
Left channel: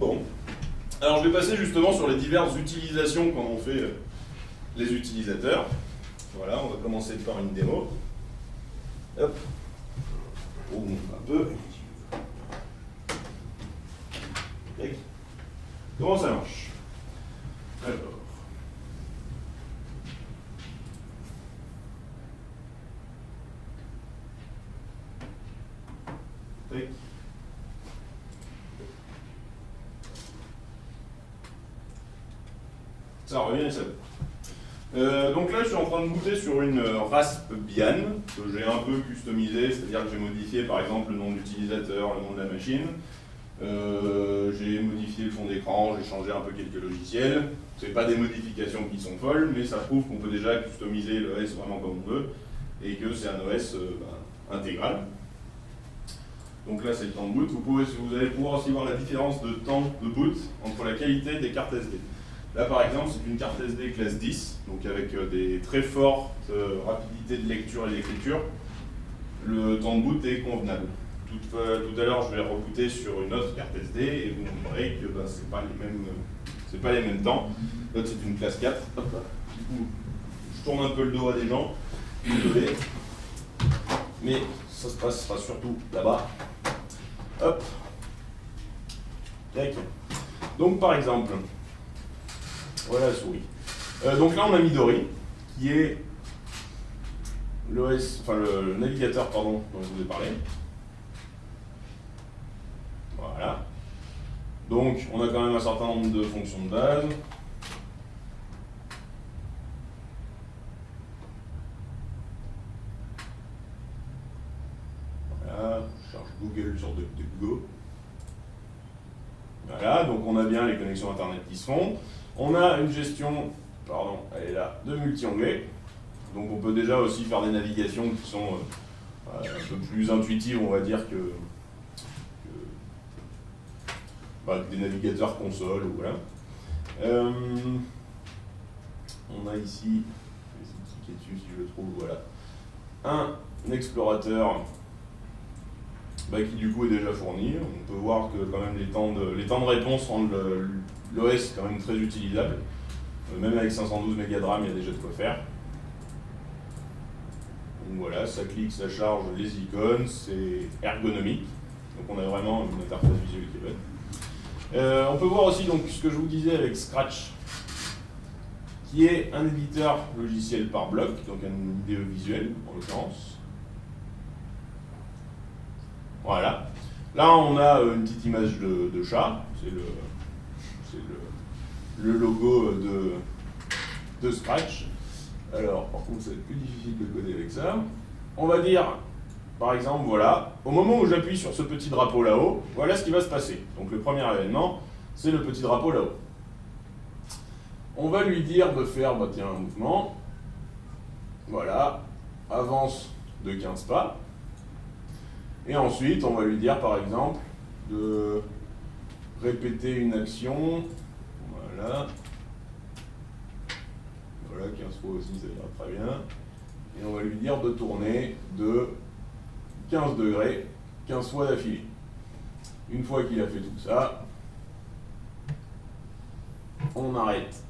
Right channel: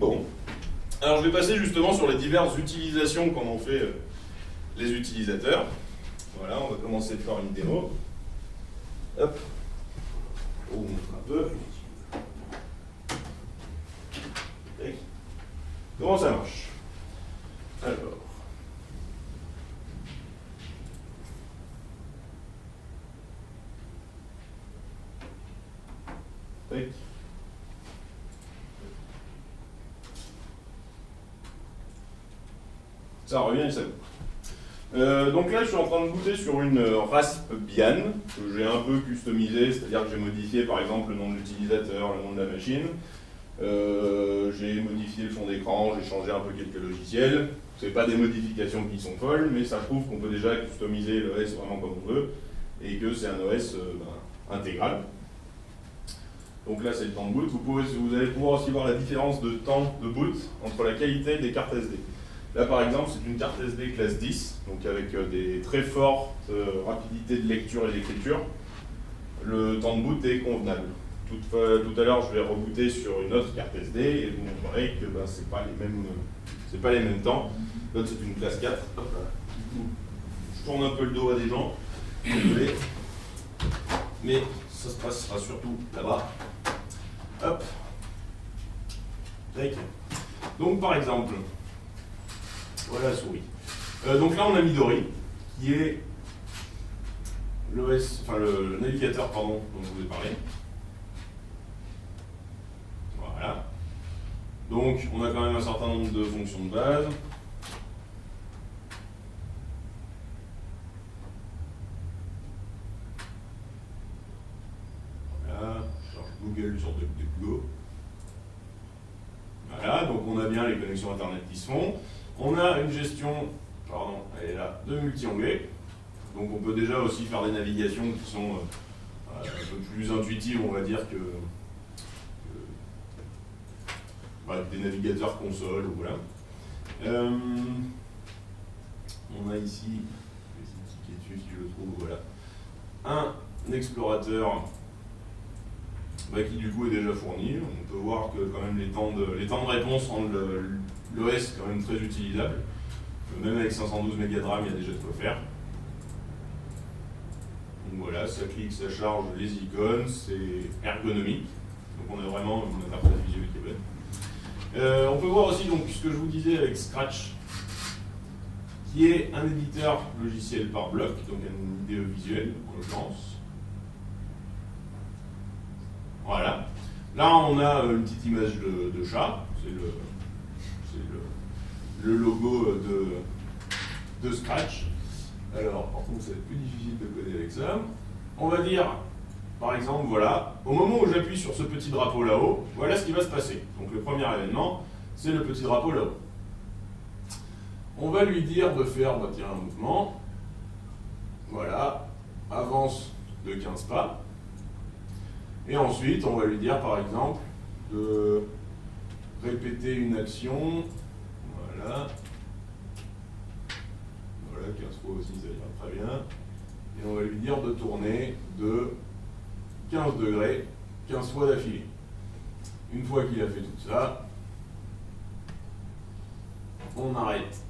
Bon. Alors je vais passer justement sur les diverses utilisations qu'en ont fait les utilisateurs. Voilà, on va commencer par une démo. Hop. On montre un peu. Okay. Comment ça marche? Alors. Tac. Ça revient et ça va. Donc là, je suis en train de booter sur une Raspbian que j'ai un peu customisée, c'est-à-dire que j'ai modifié par exemple le nom de l'utilisateur, le nom de la machine. J'ai modifié le fond d'écran, j'ai changé un peu quelques logiciels. Ce n'est pas des modifications qui sont folles, mais ça prouve qu'on peut déjà customiser l'OS vraiment comme on veut et que c'est un OS intégral. Donc là, c'est le temps de boot. Vous allez pouvoir aussi voir la différence de temps de boot entre la qualité des cartes SD. Là, par exemple, c'est une carte SD classe 10, donc avec des très fortes rapidités de lecture et d'écriture. Le temps de boot est convenable. Tout à l'heure, je vais rebooter sur une autre carte SD et vous montrerez que ce n'est pas les mêmes temps. L'autre, c'est une classe 4. Hop là. Du coup, je tourne un peu le dos à des gens. Désolé. Mais ça se passera surtout là-bas. Hop. Tac. Donc par exemple, voilà la souris. Donc là on a Midori, qui est l'OS, enfin le navigateur pardon, dont je vous ai parlé. Voilà. Donc on a quand même un certain nombre de fonctions de base. Voilà, je cherche Google sur DuckDuckGo. Voilà, donc on a bien les connexions internet qui se font. On a une gestion, pardon, elle est là, de multi-onglets. Donc on peut déjà aussi faire des navigations qui sont un peu plus intuitives, on va dire, que des navigateurs console, ou voilà. On a ici, je vais essayer de cliquer dessus si je le trouve, voilà, un explorateur qui du coup est déjà fourni. On peut voir que quand même les temps de réponse rendent l'OS quand même très utilisable. Même avec 512 mégas de RAM, il y a déjà de quoi faire. Donc voilà, ça clique, ça charge les icônes, c'est ergonomique. Donc on a vraiment une interface visuelle qui est bonne. On peut voir aussi donc, ce que je vous disais avec Scratch, qui est un éditeur logiciel par bloc, donc un IDE visuel en l'occurrence. Voilà. Là, on a une petite image de chat. C'est le logo de Scratch. Alors, par contre, ça va être plus difficile de coder avec ça. On va dire, par exemple, voilà, au moment où j'appuie sur ce petit drapeau là-haut, voilà ce qui va se passer. Donc, le premier événement, c'est le petit drapeau là-haut. On va lui dire de faire, tiens, un mouvement. Voilà, avance de 15 pas. Et ensuite, on va lui dire, par exemple, de répéter une action. Voilà. Voilà, 15 fois aussi, ça ira très bien. Et on va lui dire de tourner de 15 degrés, 15 fois d'affilée. Une fois qu'il a fait tout ça, on arrête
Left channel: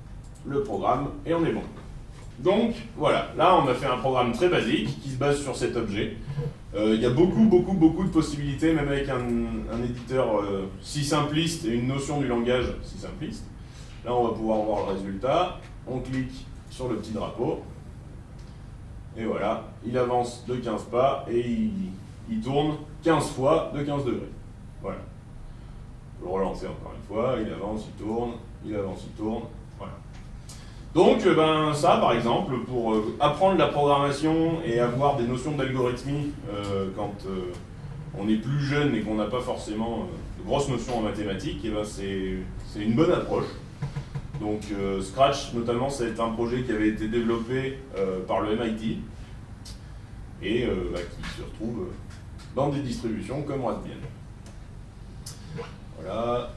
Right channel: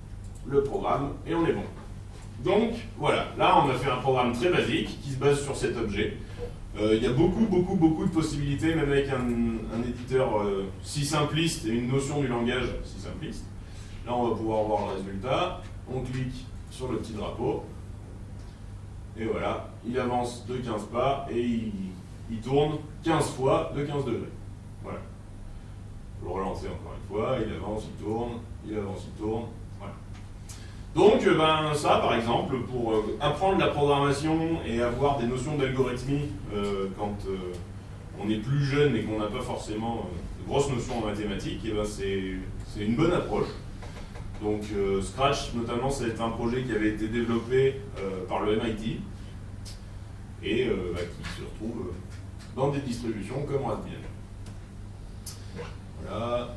le programme et on est bon. Donc, voilà. Là, on a fait un programme très basique qui se base sur cet objet. Il y a beaucoup de possibilités, même avec un éditeur si simpliste et une notion du langage si simpliste. Là, on va pouvoir voir le résultat. On clique sur le petit drapeau. Et voilà, il avance de 15 pas et il tourne 15 fois de 15 degrés. Voilà. On peut le relancer encore une fois. Il avance, il tourne, il avance, il tourne. Voilà. Donc, ça, par exemple, pour apprendre la programmation et avoir des notions d'algorithmie quand on est plus jeune et qu'on n'a pas forcément de grosses notions en mathématiques, c'est une bonne approche. Donc, Scratch, notamment, c'est un projet qui avait été développé par le MIT et qui se retrouve dans des distributions comme Raspbian. Voilà,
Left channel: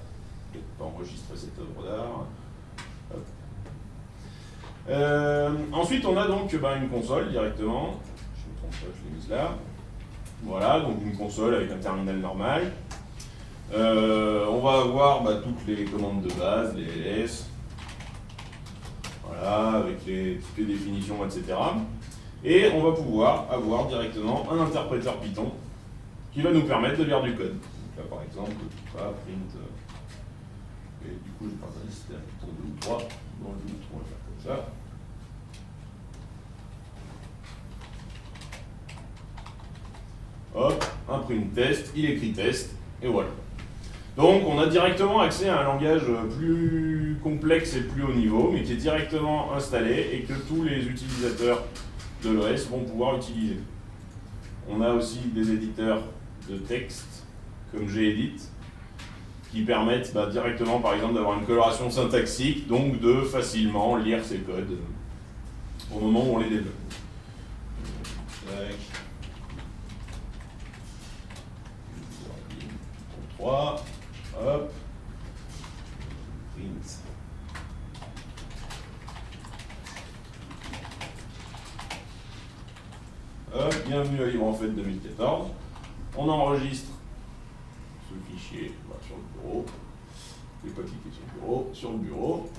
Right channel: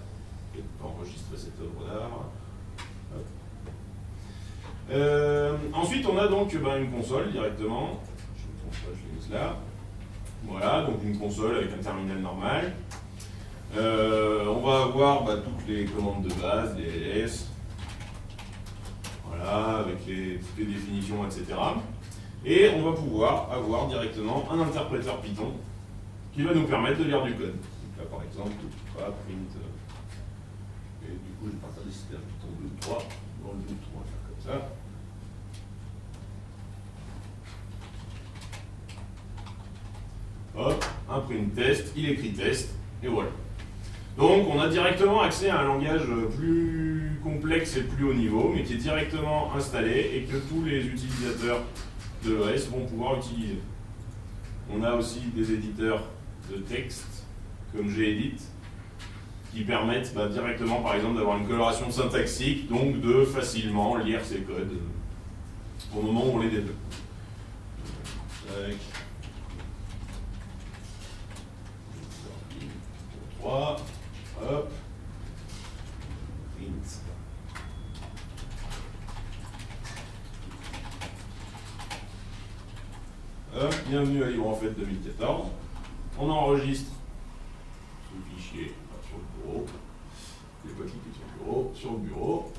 je vais pas enregistrer cette œuvre d'art. Ensuite, on a donc une console directement. Je me trompe pas, je l'ai mise là. Voilà, donc une console avec un terminal normal. On va avoir toutes les commandes de base, les ls. Voilà, avec toutes les définitions, etc. Et on va pouvoir avoir directement un interpréteur Python qui va nous permettre de lire du code. Donc là, par exemple, print. Et du coup, je vais partager si c'était un Python 2 ou 3. Dans le 2 ou 3, on va faire comme ça. Hop, un print test, il écrit test, et voilà. Donc on a directement accès à un langage plus complexe et plus haut niveau, mais qui est directement installé et que tous les utilisateurs de l'OS vont pouvoir utiliser. On a aussi des éditeurs de texte, comme Gedit, qui permettent directement, par exemple, d'avoir une coloration syntaxique, donc de facilement lire ces codes au moment où on les développe. Tac. 3, hop, print. Hop, bienvenue à LibreEnfait 2014. On enregistre ce fichier sur le bureau. Je ne vais pas cliquer sur le bureau.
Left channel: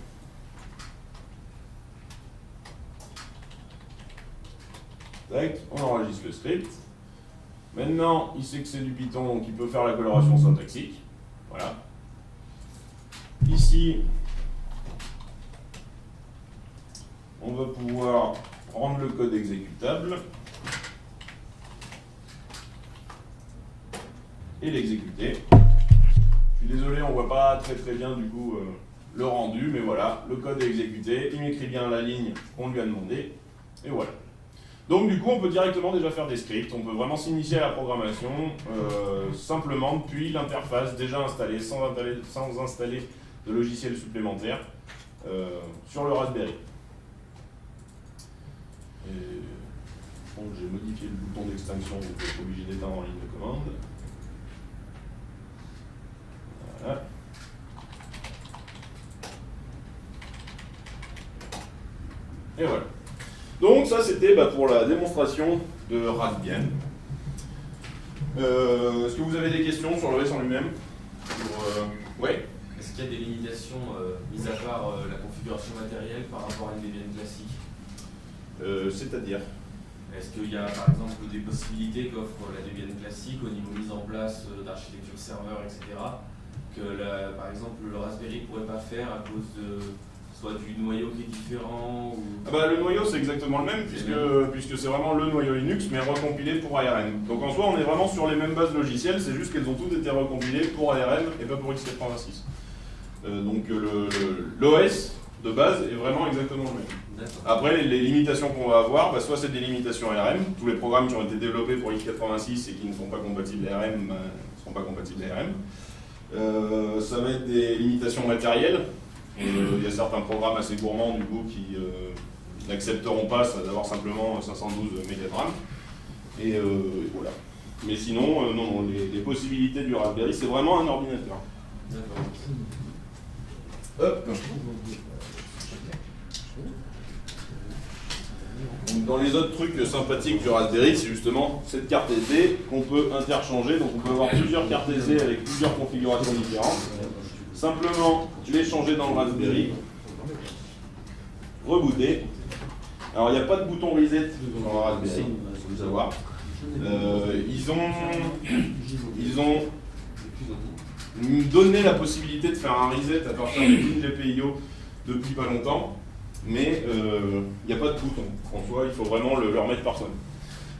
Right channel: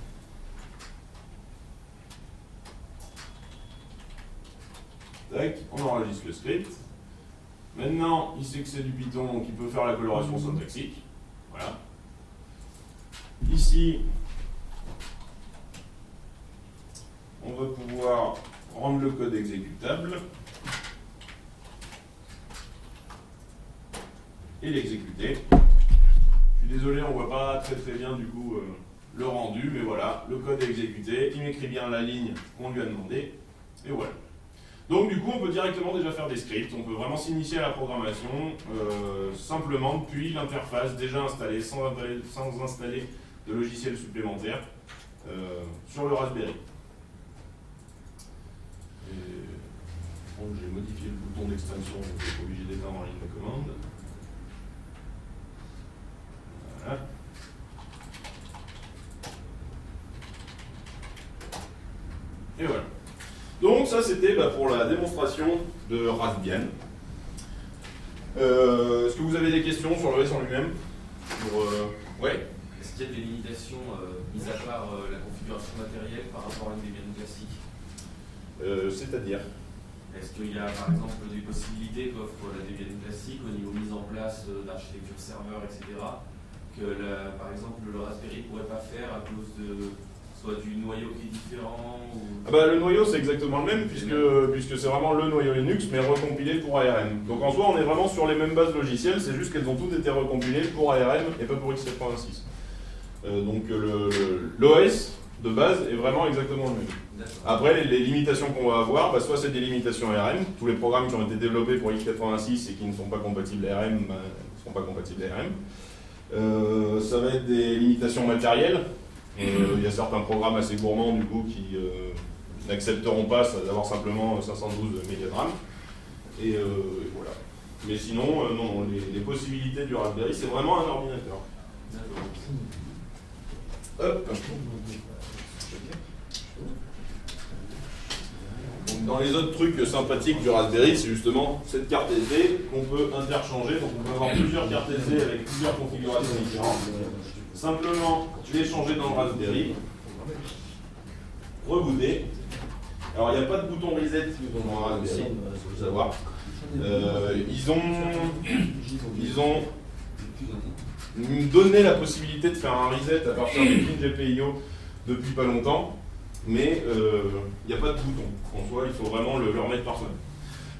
Tac, on enregistre le script. Maintenant, il sait que c'est du Python, donc il peut faire la coloration syntaxique. Voilà. Ici, on va pouvoir rendre le code exécutable et l'exécuter. Je suis désolé, on ne voit pas très bien du coup le rendu, mais voilà, le code est exécuté, il m'écrit bien la ligne qu'on lui a demandé, et voilà. Donc du coup, on peut directement déjà faire des scripts, on peut vraiment s'initier à la programmation simplement depuis l'interface déjà installée, sans installer de logiciel supplémentaire sur le Raspberry. Bon, j'ai modifié le bouton d'extinction, donc je suis obligé d'éteindre en ligne de commande. Voilà. Et voilà. Donc ça c'était pour la démonstration de Raspbian. Est-ce que vous avez des questions sur le OS en lui-même? Ouais. Est-ce qu'il y a des limitations, mis à part la configuration matérielle, par rapport à une Debian classique? C'est-à-dire? Est-ce qu'il y a par exemple des possibilités qu'offre la Debian classique au niveau mise en place d'architecture serveur, etc., que par exemple le Raspberry ne pourrait pas faire à cause de soit du noyau qui est différent ou... Le noyau c'est exactement le même puisque c'est vraiment le noyau Linux mais recompilé pour ARM. Donc en soi on est vraiment sur les mêmes bases logicielles, c'est juste qu'elles ont toutes été recompilées pour ARM et pas pour x86. Donc l'OS de base est vraiment exactement le même. Après les limitations qu'on va avoir, soit c'est des limitations ARM, tous les programmes qui ont été développés pour x86 et qui ne sont pas compatibles ARM ne seront pas compatibles ARM. Ça va être des limitations matérielles. Il y a certains programmes assez gourmands du coup qui n'accepteront pas d'avoir simplement 512 MB de RAM. Et voilà. Mais sinon, non, les possibilités du Raspberry, c'est vraiment un ordinateur. Hop. Donc, dans les autres trucs sympathiques du Raspberry, c'est justement cette carte SD qu'on peut interchanger. Donc on peut avoir plusieurs cartes SD avec plusieurs configurations différentes. Simplement les changer dans le Raspberry, rebooter. Alors il n'y a pas de bouton reset dans le Raspberry, il faut savoir. Ils ont donné la possibilité de faire un reset à partir du pin GPIO depuis pas longtemps, mais il n'y a pas de bouton. En soi, il faut vraiment le remettre par soi-même.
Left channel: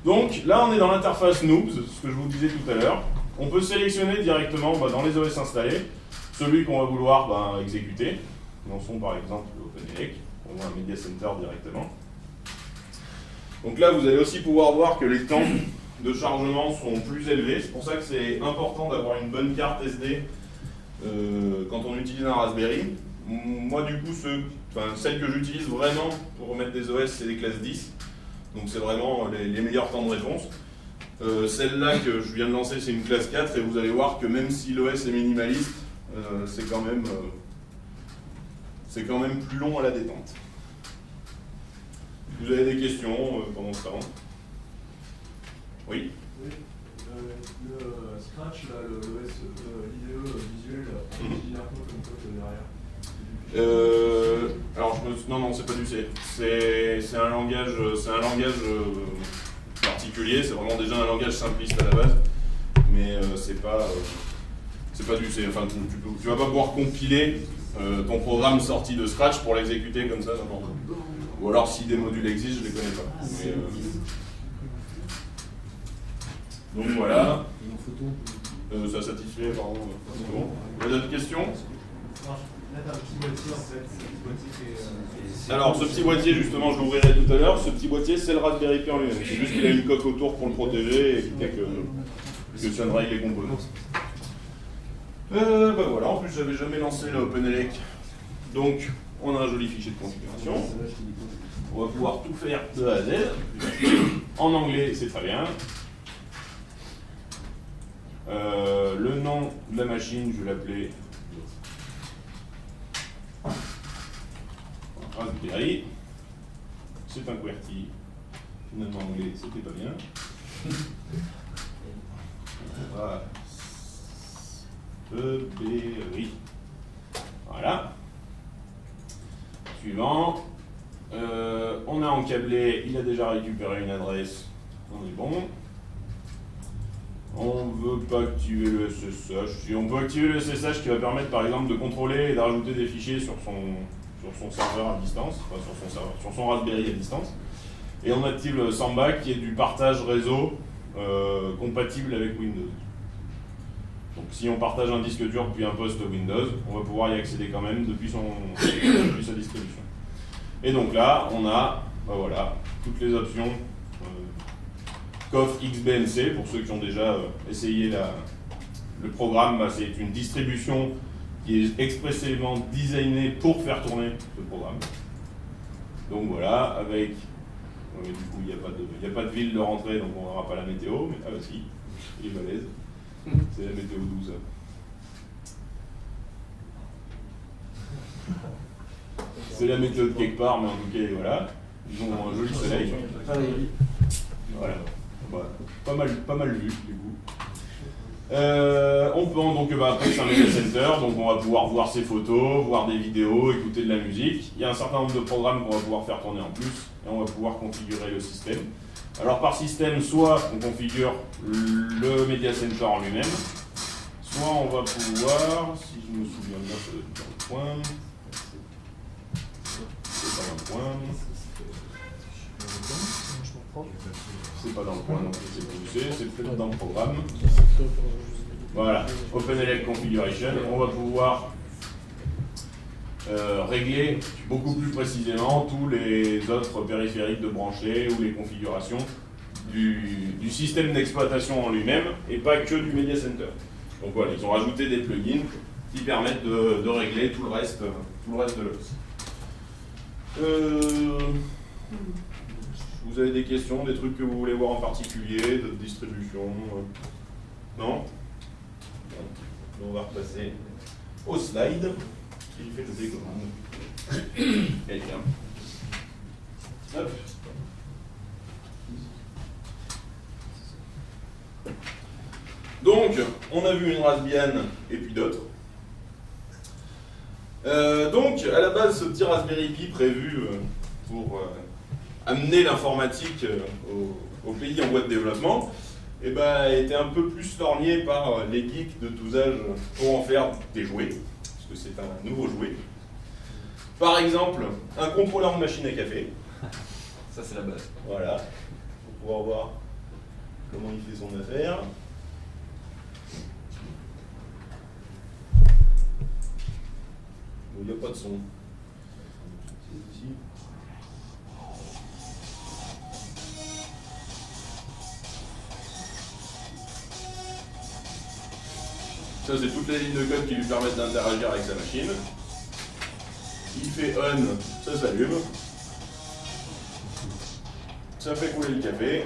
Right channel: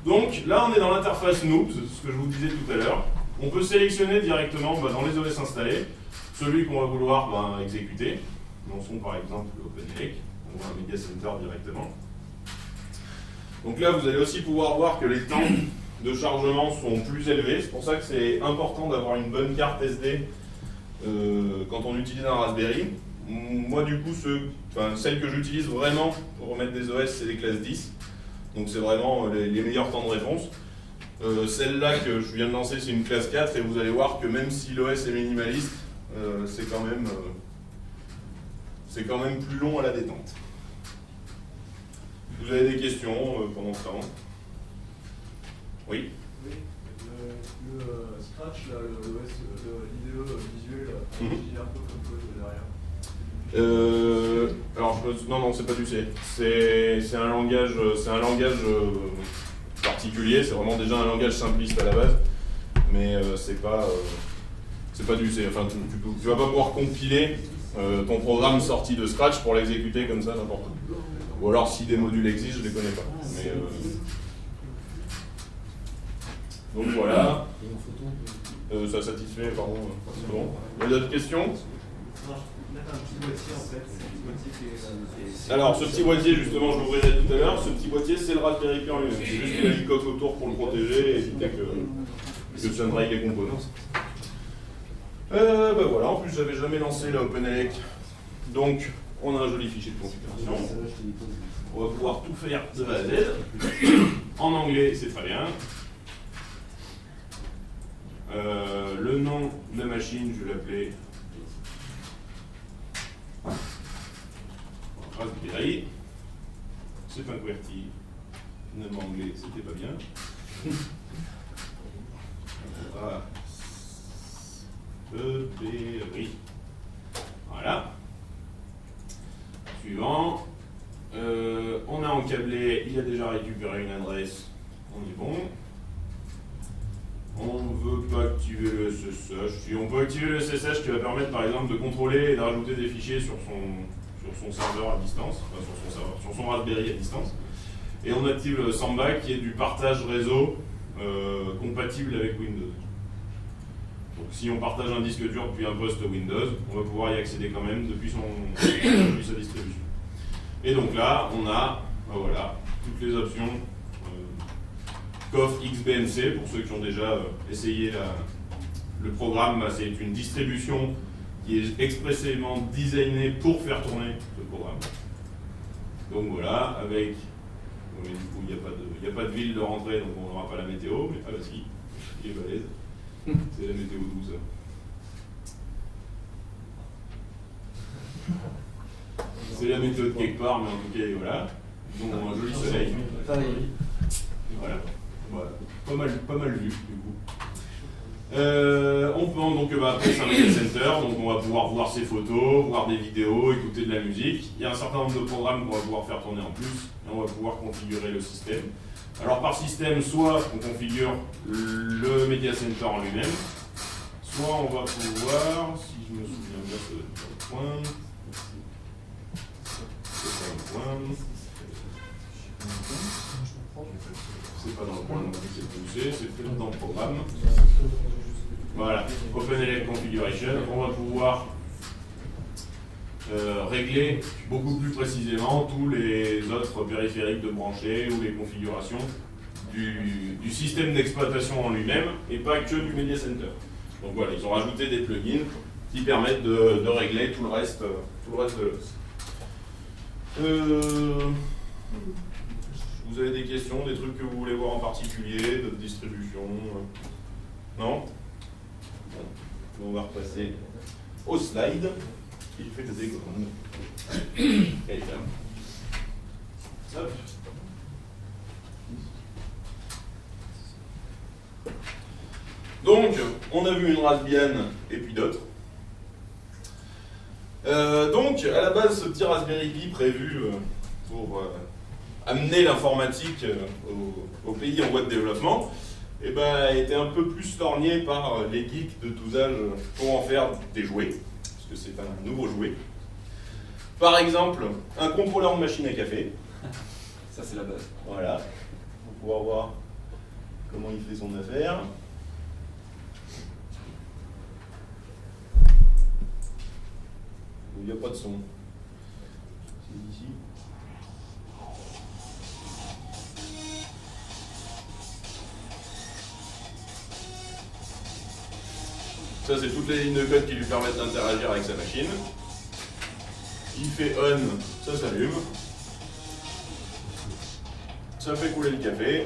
Donc là, on est dans l'interface Noobs, ce que je vous disais tout à l'heure. On peut sélectionner directement dans les OS installés celui qu'on va vouloir exécuter. Lançons par exemple OpenELEC, on voit un Media Center directement. Donc là, vous allez aussi pouvoir voir que les temps de chargement sont plus élevés. C'est pour ça que c'est important d'avoir une bonne carte SD quand on utilise un Raspberry. Moi, du coup, celles que j'utilise vraiment pour remettre des OS, c'est des classes 10. Donc c'est vraiment les meilleurs temps de réponse. Celle-là que je viens de lancer, c'est une classe 4 et vous allez voir que même si l'OS est minimaliste, c'est quand même plus long à la détente. Vous avez des questions pendant ce temps? Oui. Le Scratch, l'OS IDE visuel, génère quoi comme code derrière? Alors non, c'est pas du C. C'est un langage particulier. C'est vraiment déjà un langage simpliste à la base, mais c'est pas du C. Enfin, tu vas pas pouvoir compiler ton programme sorti de Scratch pour l'exécuter comme ça n'importe où. Ou alors si des modules existent, je les connais pas. Mais, donc voilà. Ça satisfait, pardon. C'est bon. Il y a d'autres questions? Alors ce petit boîtier, justement, je l'ouvrirai tout à l'heure. Ce petit boîtier, c'est le Raspberry Pi en lui-même. C'est juste qu'il a une coque autour pour le protéger et éviter que ça ne raye les composants. Voilà, en plus j'avais jamais lancé la OpenELEC. Donc on a un joli fichier de configuration. On va pouvoir tout faire de A à Z. En anglais, c'est très bien. Le nom de la machine, je vais l'appeler Raspberry. C'est un QWERTY. Finalement, en anglais, c'était pas bien. Raspberry. Voilà. Suivant. On a encablé, il a déjà récupéré une adresse. On est bon. veut pas activer le SSH. Si on peut activer le SSH qui va permettre par exemple de contrôler et de rajouter des fichiers sur son serveur à distance, enfin sur son Raspberry à distance. Et on active le Samba qui est du partage réseau compatible avec Windows. Donc si on partage un disque dur depuis un poste Windows, on va pouvoir y accéder quand même depuis sa distribution. Et donc là, on a voilà, toutes les options coffre XBNC, pour ceux qui ont déjà essayé le programme, c'est une distribution qui est expressément designée pour faire tourner ce programme. Donc voilà, avec, du coup il n'y a pas de ville de rentrée, donc on n'aura pas la météo, mais ah bah si, il est balèze, c'est la météo douce. C'est la météo de quelque part, mais en tout cas voilà, ils ont un joli soleil. Voilà. Voilà, pas mal vu du coup. On peut donc après c'est un media center, donc on va pouvoir voir ses photos, voir des vidéos, écouter de la musique. Il y a un certain nombre de programmes qu'on va pouvoir faire tourner en plus et on va pouvoir configurer le système. Alors par système, soit on configure le media center en lui-même, soit on va pouvoir, si je me souviens bien, c'est dans le coin. C'est pas dans le coin. C'est pas dans le coin, donc c'est poussé, c'est peut-être dans le programme. Voilà, OpenELEC Configuration, on va pouvoir régler beaucoup plus précisément tous les autres périphériques de brancher ou les configurations du système d'exploitation en lui-même et pas que du Media Center. Donc voilà, ils ont rajouté des plugins qui permettent de régler tout le reste de l'OS. Vous avez des questions, des trucs que vous voulez voir en particulier, de distribution non? Bon, on va repasser au slide. Qui fait le décommande? Quelqu'un. Hop. Donc, on a vu une Raspbian et puis d'autres. Donc, à la base, ce petit Raspberry Pi prévu pour amener l'informatique au pays en voie de développement, eh ben, a été un peu plus lorgné par les geeks de tous âges pour en faire des jouets, parce que c'est un nouveau jouet. Par exemple, un contrôleur de machine à café. Ça, c'est la base. Voilà, pour pouvoir voir comment il fait son affaire. Il n'y a pas de son. C'est ici. Ça, c'est toutes les lignes de code qui lui permettent d'interagir avec sa machine. Il fait on, ça s'allume. Ça fait couler le café.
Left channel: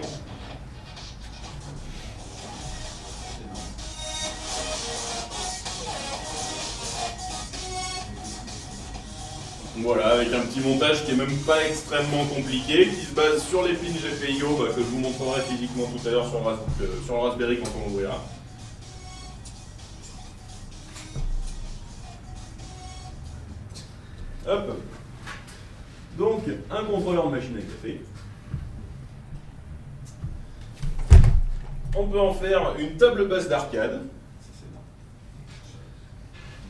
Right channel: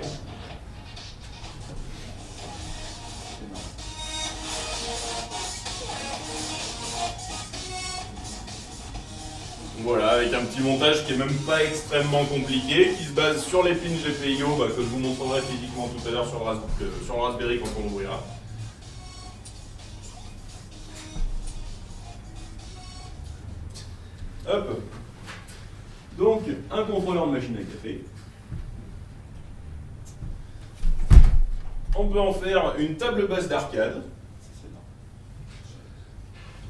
Voilà, avec un petit montage qui est même pas extrêmement compliqué, qui se base sur les pins GPIO que je vous montrerai physiquement tout à l'heure sur le Raspberry quand on l'ouvrira. Hop. Donc, un contrôleur de machine à café. On peut en faire une table basse d'arcade,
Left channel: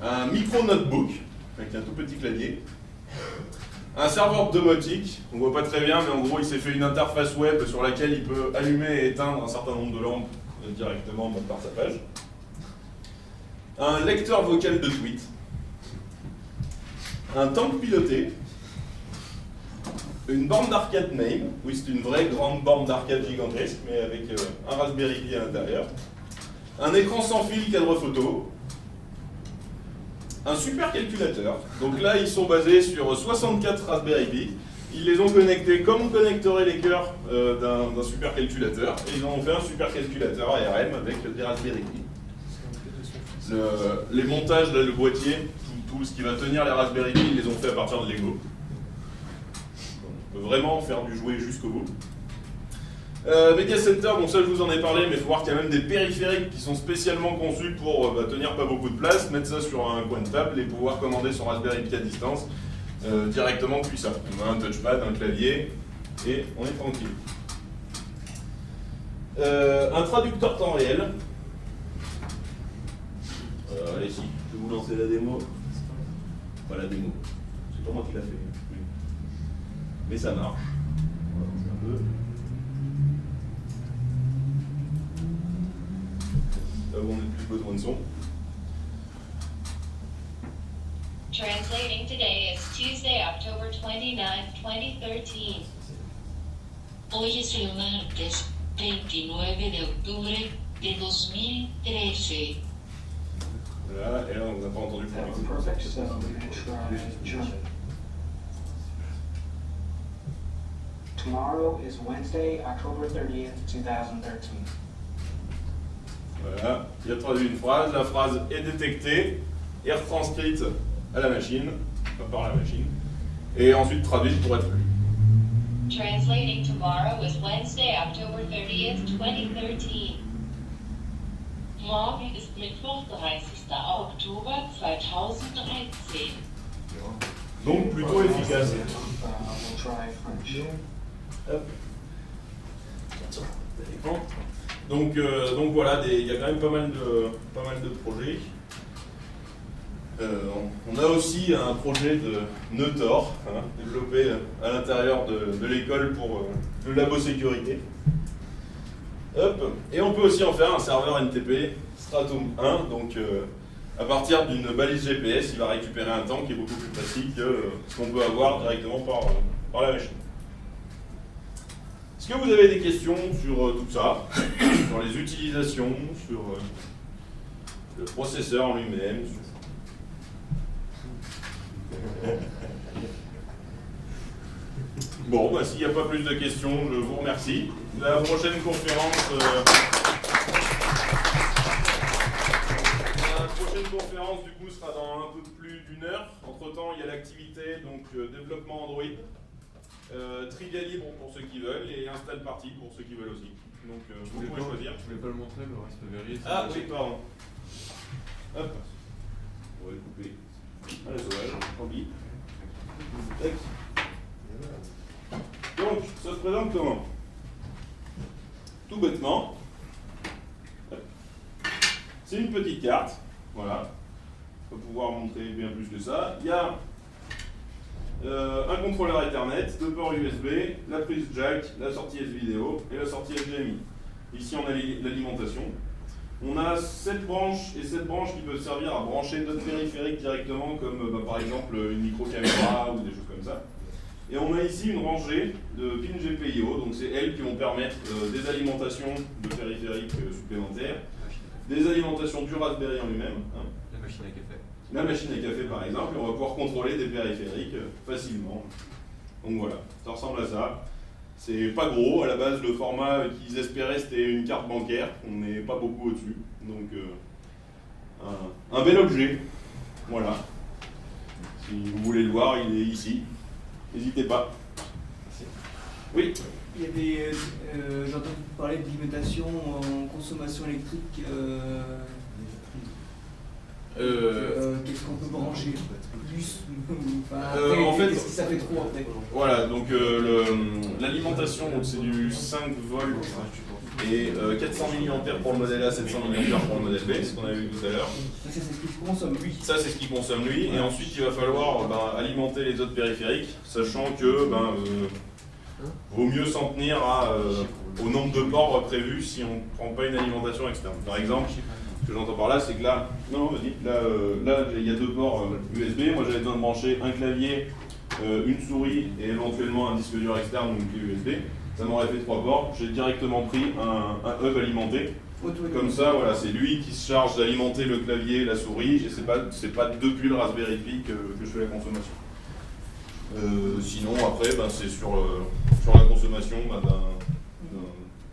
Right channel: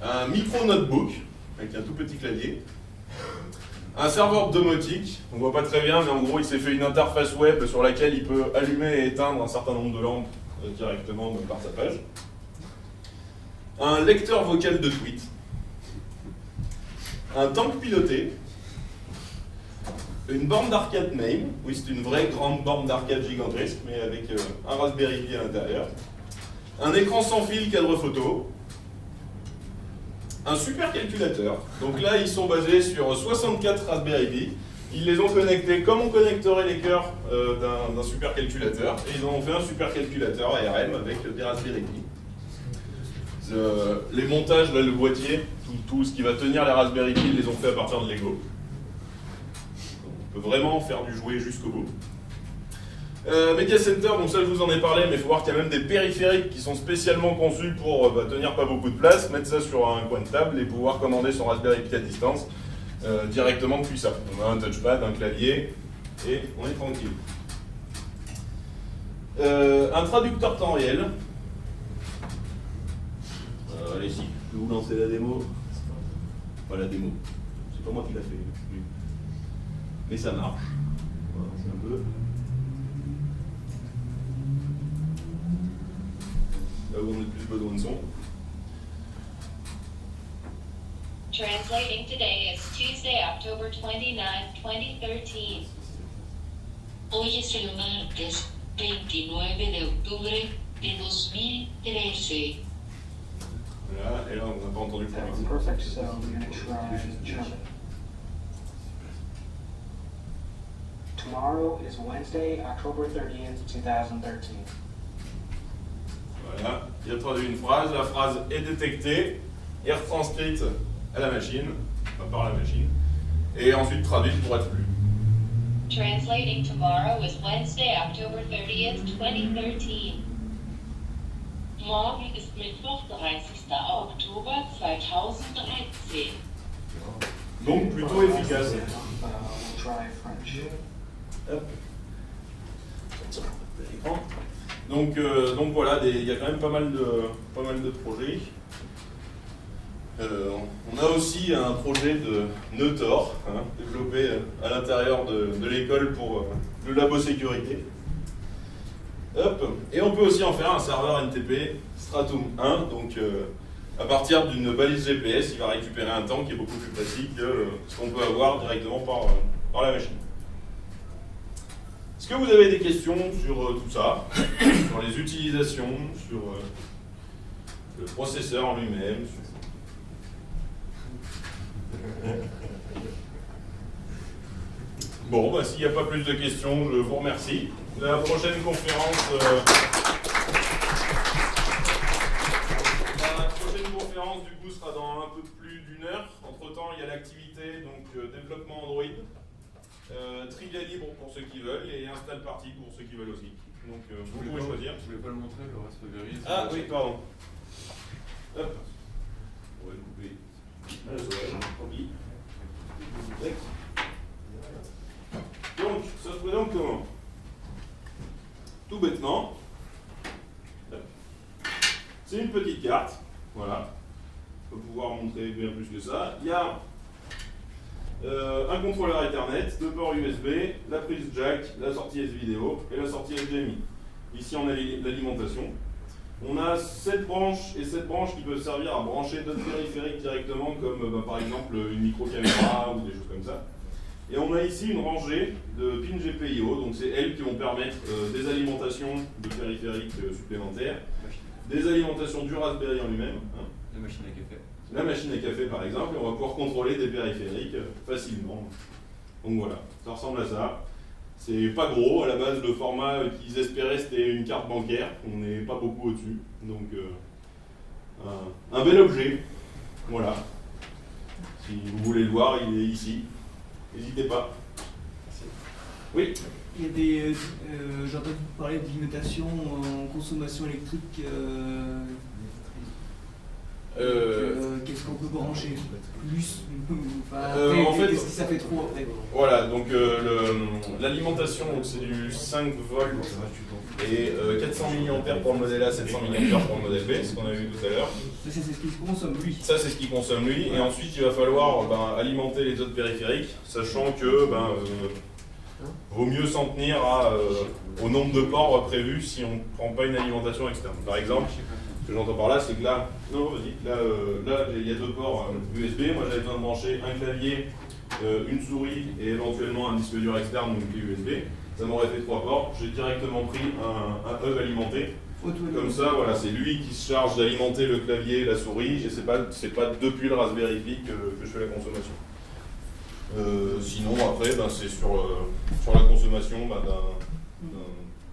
un micro-notebook avec un tout petit clavier, un serveur domotique, on voit pas très bien, mais en gros il s'est fait une interface web sur laquelle il peut allumer et éteindre un certain nombre de lampes directement par sa page, un lecteur vocal de tweets, un tank piloté, une borne d'arcade MAME, oui c'est une vraie grande borne d'arcade gigantesque, mais avec un Raspberry Pi à l'intérieur, un écran sans fil cadre photo, un supercalculateur. Donc là ils sont basés sur 64 Raspberry Pi, ils les ont connectés comme on connecterait les cœurs d'un supercalculateur, et ils en ont fait un supercalculateur ARM avec des Raspberry Pi. Les montages, là, le boîtier, tout ce qui va tenir les Raspberry Pi, ils les ont fait à partir de Lego. On peut vraiment faire du jouet jusqu'au bout. Media Center, donc ça je vous en ai parlé, mais il faut voir qu'il y a même des périphériques qui sont spécialement conçus pour tenir pas beaucoup de place, mettre ça sur un coin de table et pouvoir commander son Raspberry Pi à distance directement depuis ça. On a un touchpad, un clavier et on est tranquille. Un traducteur temps réel. Allez-y, je vais vous lancer la démo. Pas la démo, c'est pas moi qui l'a fait. Oui. Mais ça marche. Voilà, c'est un peu. Là où on a plus besoin de son. Translating today is Tuesday, October 29, 2013. Hoy es el martes 29 de octubre de 2013. Voilà, et là on n'a pas entendu le premier. Perfect, so I'm going to try German. Tomorrow is Wednesday, October 30th, 2013. Voilà, il a traduit une phrase, la phrase est détectée et retranscrite à la machine, enfin par la machine, et ensuite traduite pour être lue. Translating tomorrow is Wednesday, October 30th, 2013. Morgen ist Mittwoch, 30. Oktober 2013. Donc plutôt efficace. We'll try French. Hop. Donc voilà, il y a quand même pas mal de projets. On a aussi un projet de nœud Tor, développé à l'intérieur de l'école pour le labo sécurité. Hop. Et on peut aussi en faire un serveur NTP Stratum 1, donc à partir d'une balise GPS, il va récupérer un temps qui est beaucoup plus facile que ce qu'on peut avoir directement par la machine. Est-ce que vous avez des questions sur tout ça, sur les utilisations, sur le processeur lui-même Bon, bah, s'il n'y a pas plus de questions, je vous remercie. La prochaine conférence, du coup, sera dans un peu plus d'1 heure. Entre-temps, il y a l'activité, donc développement Android, trivia libre pour ceux qui veulent et install party pour ceux qui veulent aussi. Donc, vous pouvez choisir. Je ne vais pas le montrer, le Raspberry. Ah oui, pardon. Hop. On va couper. Oublie. Donc, ça se présente comment? Tout bêtement, c'est une petite carte. Voilà. On va pouvoir montrer bien plus que ça. Il y a un contrôleur Ethernet, 2 ports USB, la prise jack, la sortie S-Vidéo et la sortie HDMI. Ici, on a l'alimentation. On a 7 branches et 7 branches qui peuvent servir à brancher d'autres périphériques directement, comme par exemple une micro-caméra ou des choses comme ça. Et on a ici une rangée de pins GPIO, donc c'est elles qui vont permettre des alimentations de périphériques supplémentaires, des alimentations du Raspberry en lui-même. Hein. La machine à café. La machine à café par exemple, et on va pouvoir contrôler des périphériques facilement. Donc voilà, ça ressemble à ça. C'est pas gros, à la base le format qu'ils espéraient c'était une carte bancaire, on n'est pas beaucoup au-dessus. Donc un bel objet, voilà. Si vous voulez le voir, il est ici. N'hésitez pas. Oui. Il y a des. J'entends parler de limitation en consommation électrique. Qu'est-ce qu'on peut brancher plus en fait, qu'est-ce que ça fait trop après? Voilà, donc l'alimentation, c'est du 5 volts et 400 mAh pour le modèle A, 700 mAh pour le modèle B, ce qu'on a vu tout à l'heure. Ça, c'est ce qu'il consomme lui. Ça, c'est ce qu'il consomme lui, et ensuite il va falloir alimenter les autres périphériques, sachant que vaut mieux s'en tenir au nombre de ports prévus si on ne prend pas une alimentation externe. Par exemple, ce que j'entends par là, c'est que là, là il y a 2 ports USB, moi j'avais besoin de brancher un clavier, une souris et éventuellement un disque dur externe ou une clé USB. Ça m'aurait fait 3 ports, j'ai directement pris un hub alimenté. Comme ça, voilà, c'est lui qui se charge d'alimenter le clavier, la souris, et c'est pas depuis le Raspberry Pi que je fais la consommation. Sinon, après, c'est sur la consommation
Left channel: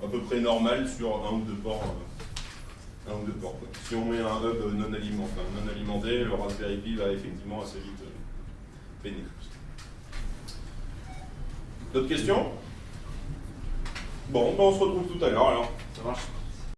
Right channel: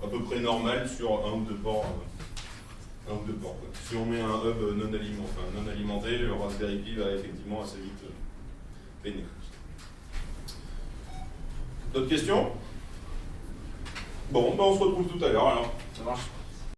à peu près normal sur un ou deux ports. Quoi. Si on met un hub non alimenté, le Raspberry Pi va effectivement assez vite peiner. D'autres questions? Bon, on se retrouve tout à l'heure alors. Ça marche.